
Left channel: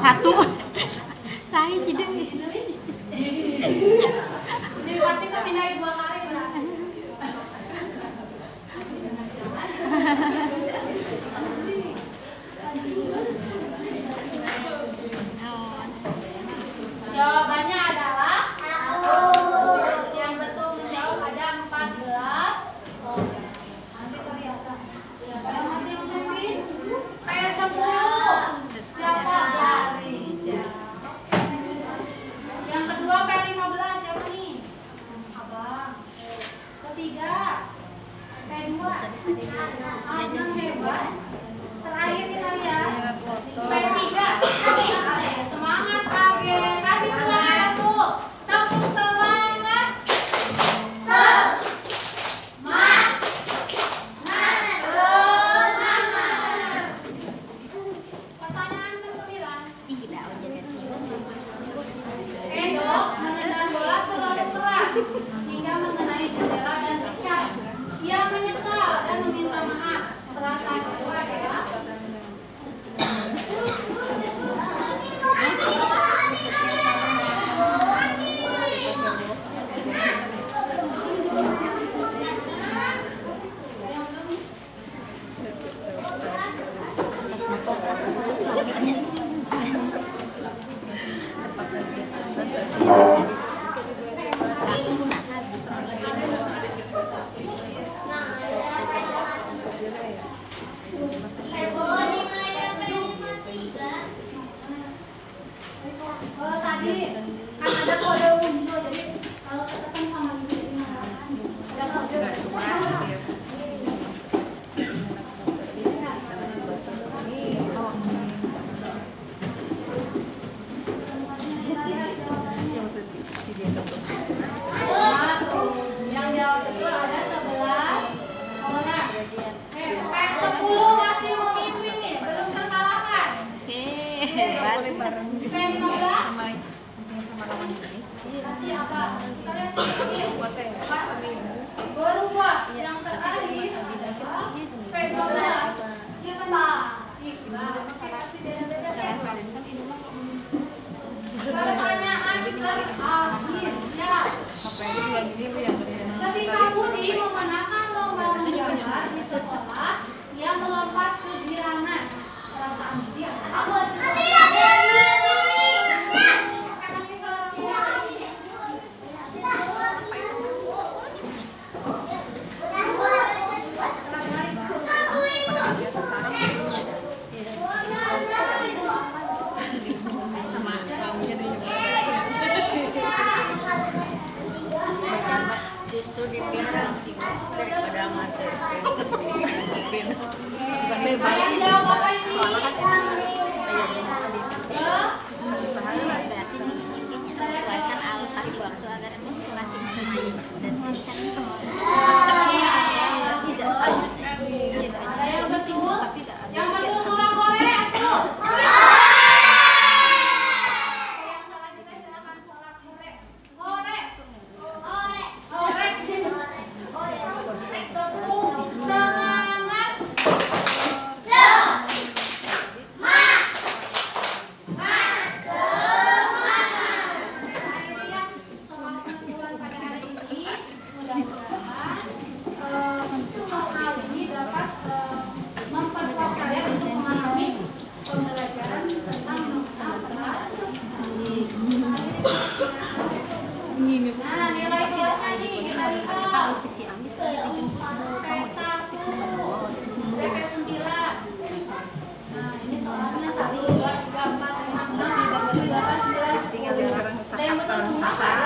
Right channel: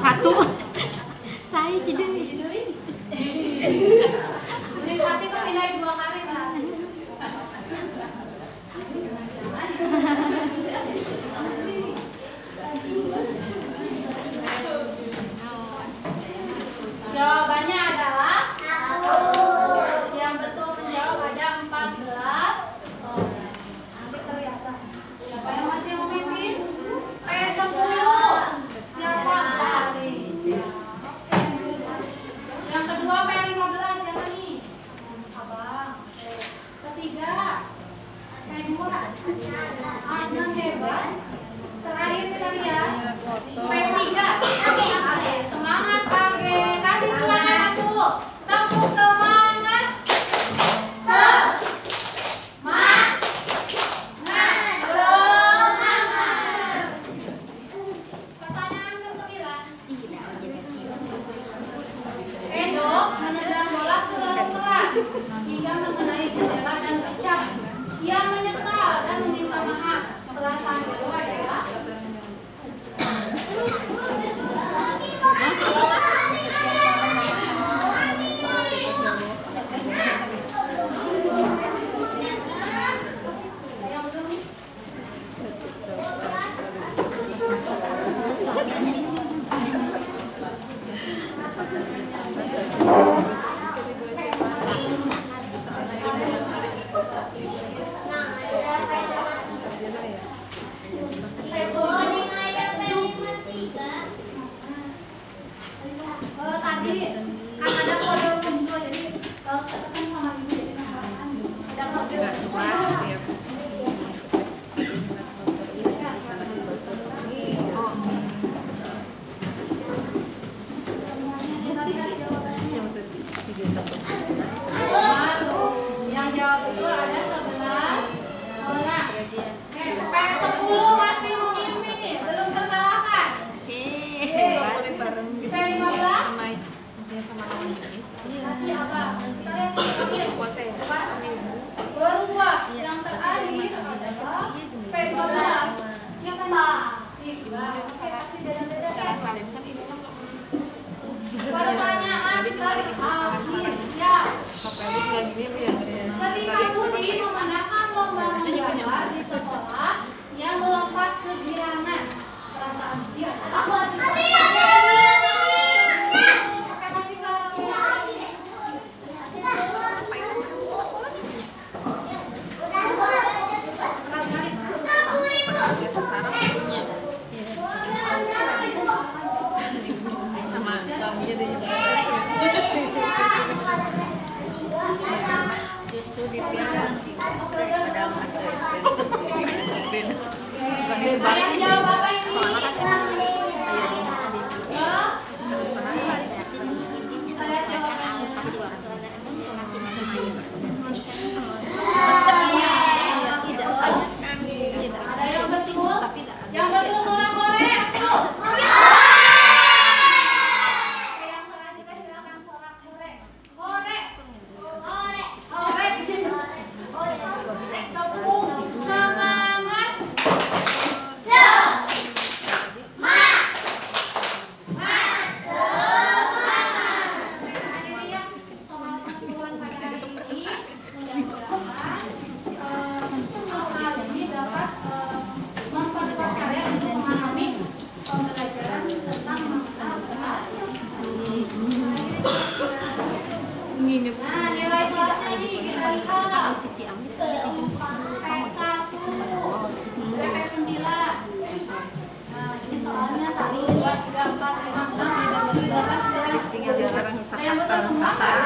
Satu. Saya jadi Jadi pasti kan pindahin 2 kali lah. Jawabannya adalah yang betul menjawab ada 14 orang. Nanti kelihatan. Siapa yang masih memimpin? P10. Siapa? Dari. Yang kedua P15 siapa nih? Abang. Ketiga P2. Adnan hebat. Terakhir kita lihat P3. Semangat pakai. Kasih semangat dulu. Tepuk semangat. Pertanyaan ke-9. Edo menendang bola terlalu keras hingga mengenai jendela dan pecah. Ia menyesal dan meminta maaf. Perasaan itu adalah yang betul nih. Tadi kan ada kode muncul, jadi kalau ketemu sama ibu jadi nggak ada kode. Yang jawab itu ada 11 orang. P10 masih memimpin nih, belum terkalahkan. P15 masih apa? Kita lihat berubah. Yang terakhir adalah P12. Siapa mbak? Iqbal. Oke, pasti beda-beda kan? Pertanyaan terakhir. Siap. Ketika Budi memenangkan lomba menggambar di sekolah, ia melompat ke girangan. Perasaan Budi adalah justru dia daripada yang jawab apa ini? Ada yang betul? Yang betul suara Korea. Yang salah juga silakan suara Korea. Korea. Tepuk semangat. Ini yang soal penentuan pada hari ini. Mudah-mudahan soal ini dapat memperkaya untuk memahami pembelajaran tentang nah, nilai kelasnya nih kita lihat P1, P9. Nah, ini soalnya 1, 2, 3, 4, 5, 6, 7, 8, 9, 10. Ada yang betul semua kan?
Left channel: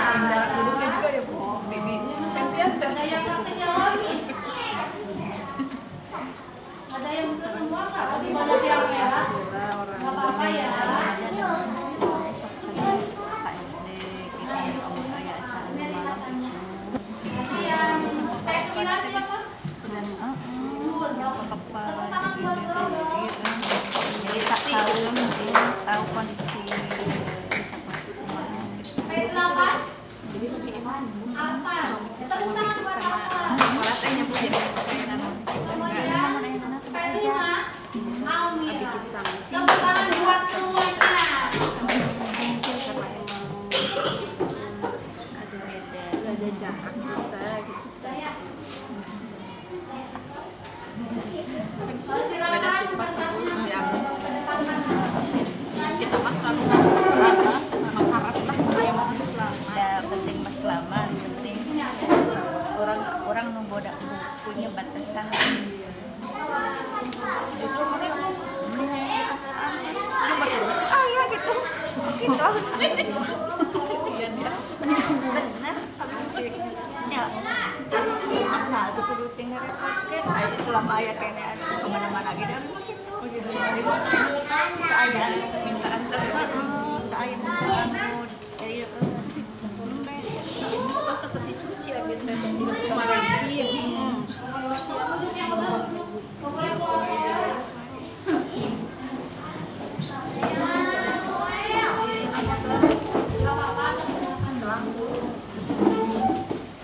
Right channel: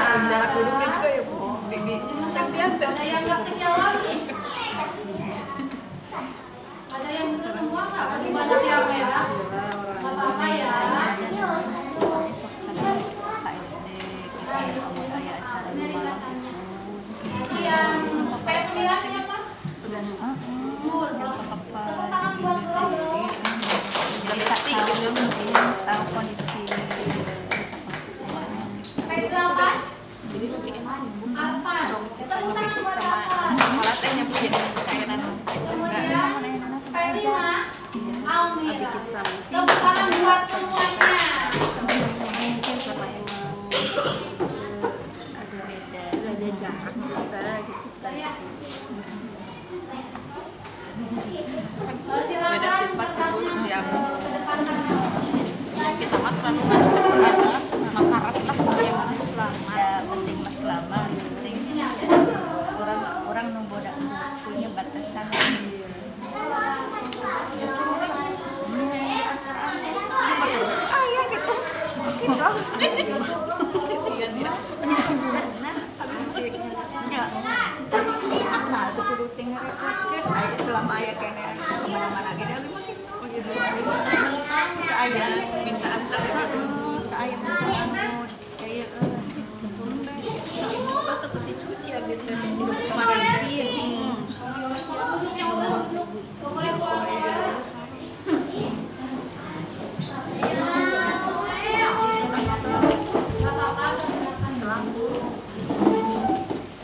Ada yang nggak kejawab nih? Ada yang bisa semua nggak? Tadi pada siapa ya? Nggak apa-apa ya. Ini ringkasannya. Jadi yang P9 siapa? Nur. Tepuk tangan buat Bro. tahu kondisi P8 apa? Tepuk tangan buat apa? Kemudian P5 Almi. abi kisah misi Tepuk tangan buat semuanya. mungkin karena emang ada jarak kita gitu Silakan kertasnya yang mendekatkan sama. kita mah kan anak harap kita yang ya penting mas lama penting Sini ada. orang memboda punya batasan justru ya gitu nah itu kudu tinggal selama ayah kayaknya kemana-mana gitu keayaan mintaan saya saya kayak terus itu cia gitu terus dilakukan bensin Duduk yang benar. Boleh boleh.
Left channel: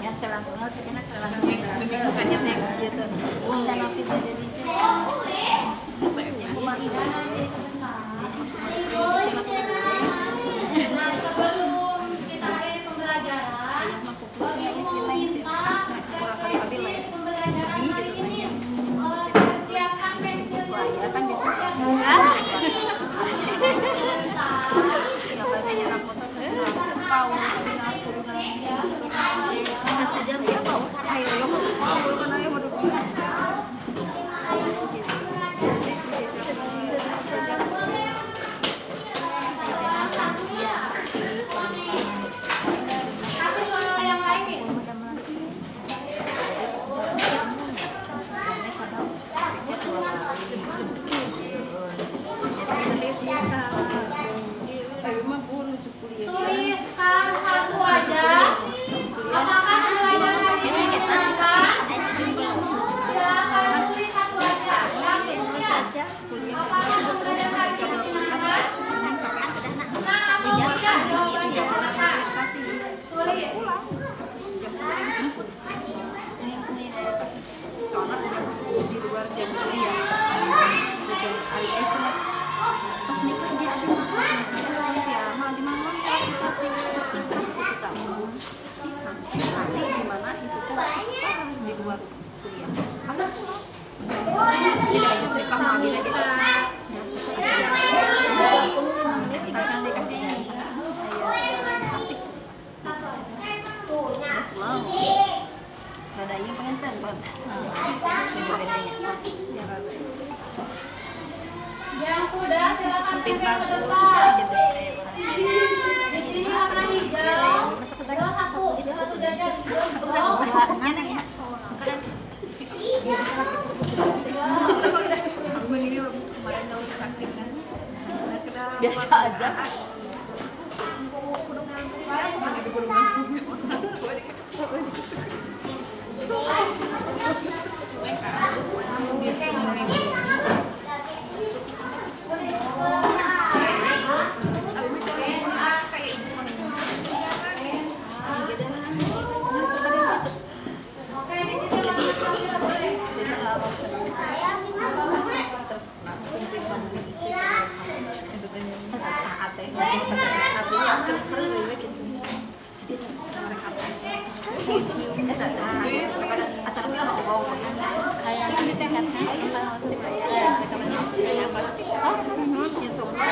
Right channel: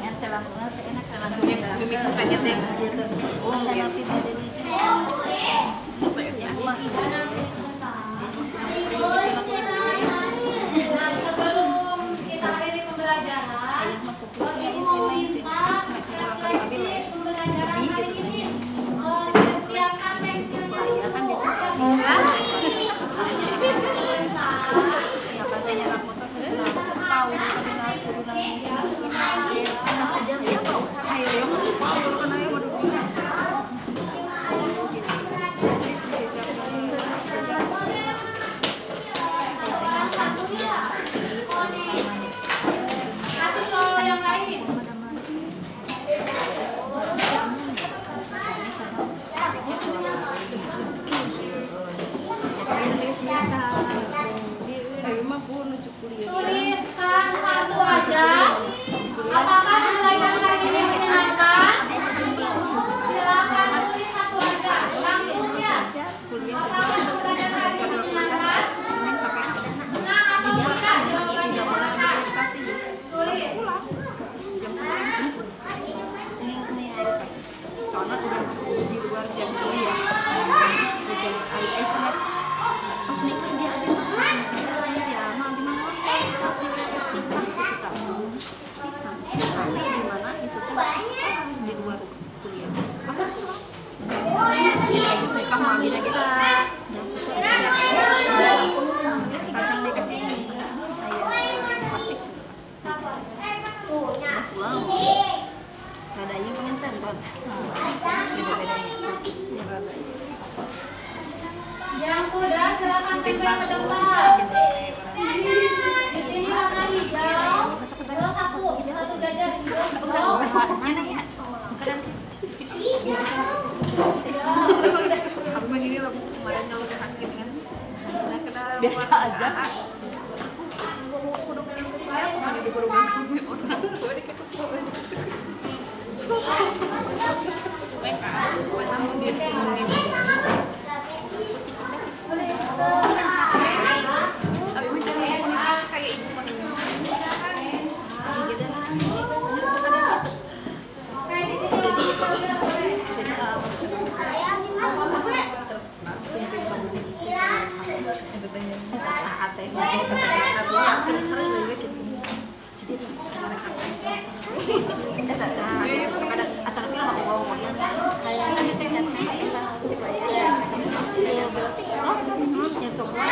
yang telah banget enak kan mimik mukanya teh gitu bukan api dari di sini yang rumah ini Sebelum kita akhiri pembelajaran, Ibu minta pembelajaran hari ini siapkan pensilnya. ya kan biasanya ya katanya aku tuh setelah tahu tapi aku udah jam ya tahu ayo yang aku tahu kan ayo mau biasa Yang satunya, kasih ke yang lain. ayo mah pun lucu kuliah Tuliskan satu aja. Apakah pembelajaran hari ini menyenangkan? Silakan tulis satu aja. Langsung ya. kuliah Apakah pembelajaran hari ini menyenangkan? Senin sampai Kamis Senang atau tidak jawabannya? nggak boleh kasih Tulis. pulang jam 9 jemput Senin ada kasih soalnya udah di luar jam kuliah udah jam Senin pas nikah dia ada pas nikah ya mah di mana pasti pisah kita pisah karena di mana itu tuh sekolah di luar kuliah apa pulang kita lagi suka mah kita ya sesuai kacang deh kan ini kayak klasik wow ada yang pengen bang ya ada Yang sudah silakan tempel ke depan. Di sini warna hijau. Terus satu jajar hijau. biasa aja Oke, di sini warna boleh. jadi mau senang terus langsung ke kamu di istri ate artinya keren lebih gitu jadi mereka pensiun terus sekarang antara pilih mau cuma di teh cek aja berarti ya semua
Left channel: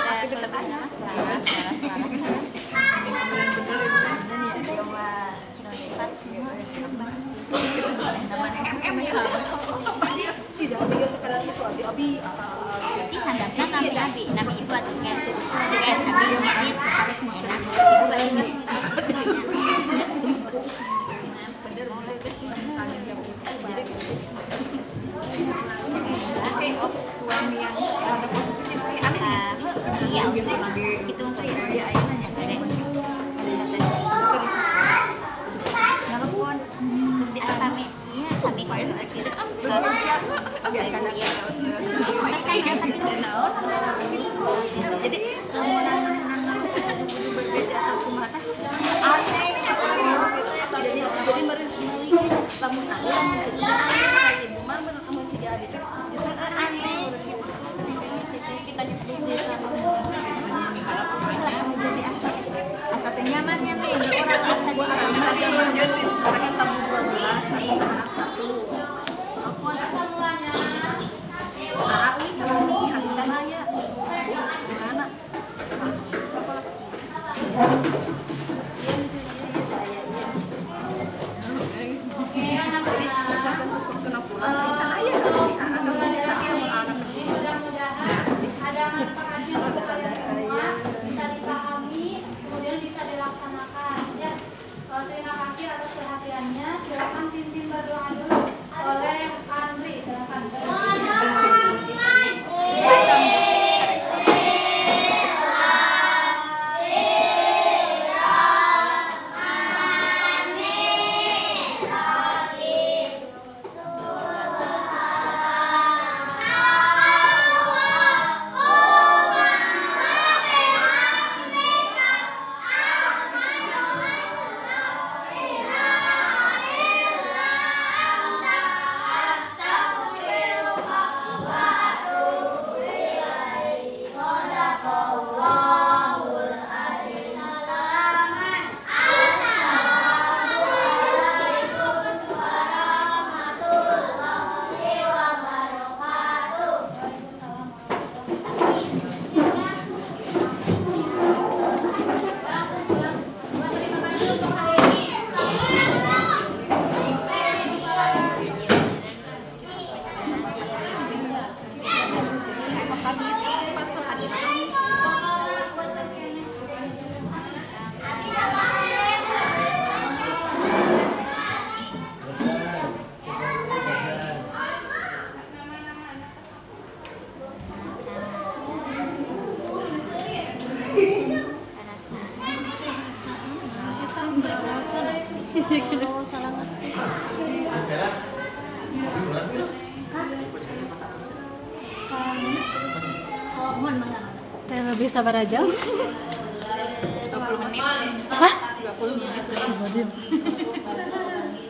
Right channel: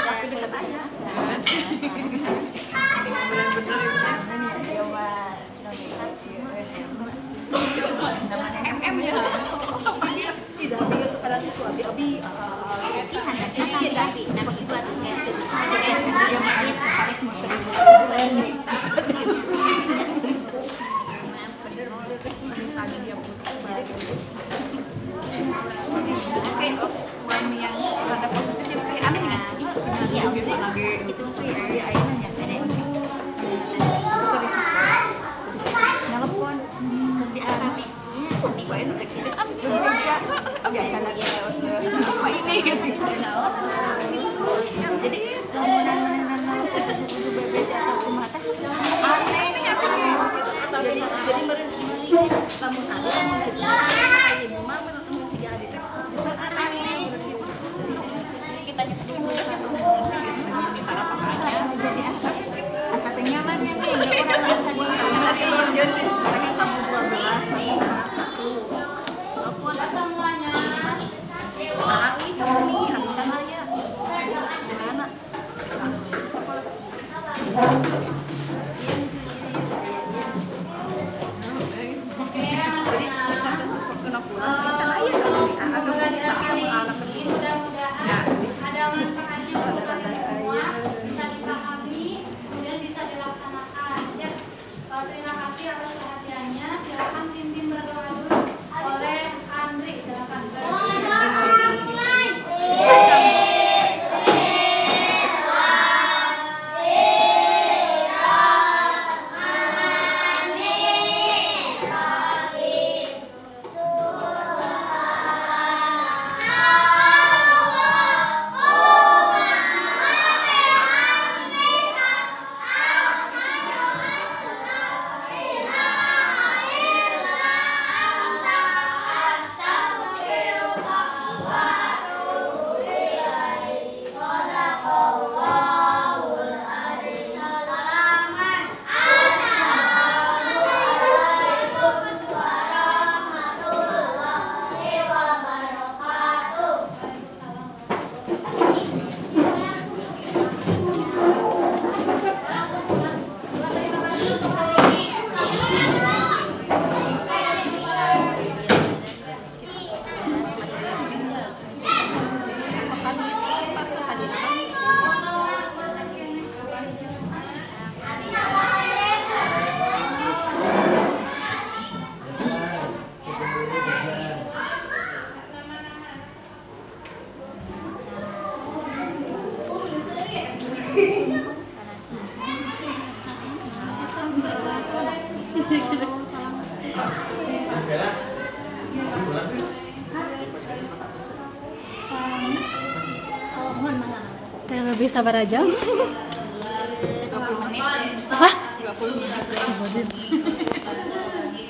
tapi dekat aja tidak tiga sekarang itu abi suami yang ada posisi lebih aneh itu telepon kerjaan jadi jadi lamun ada lamun kita ibu mah bener temen si gadi teh justru aneh Oke, anak-anak. Misalkan terus waktu nak pulang, misalnya aja kalau kita ada anak Ini mudah-mudahan ada manfaatnya untuk kalian semua, bisa dipahami, kemudian bisa dilaksanakan. Ya, terima kasih atas perhatiannya. Silakan pimpin berdoa dulu oleh Andri. Silakan. Lebih sabar aja. 20 menit. Hah? 20 menit. Astagfirullah.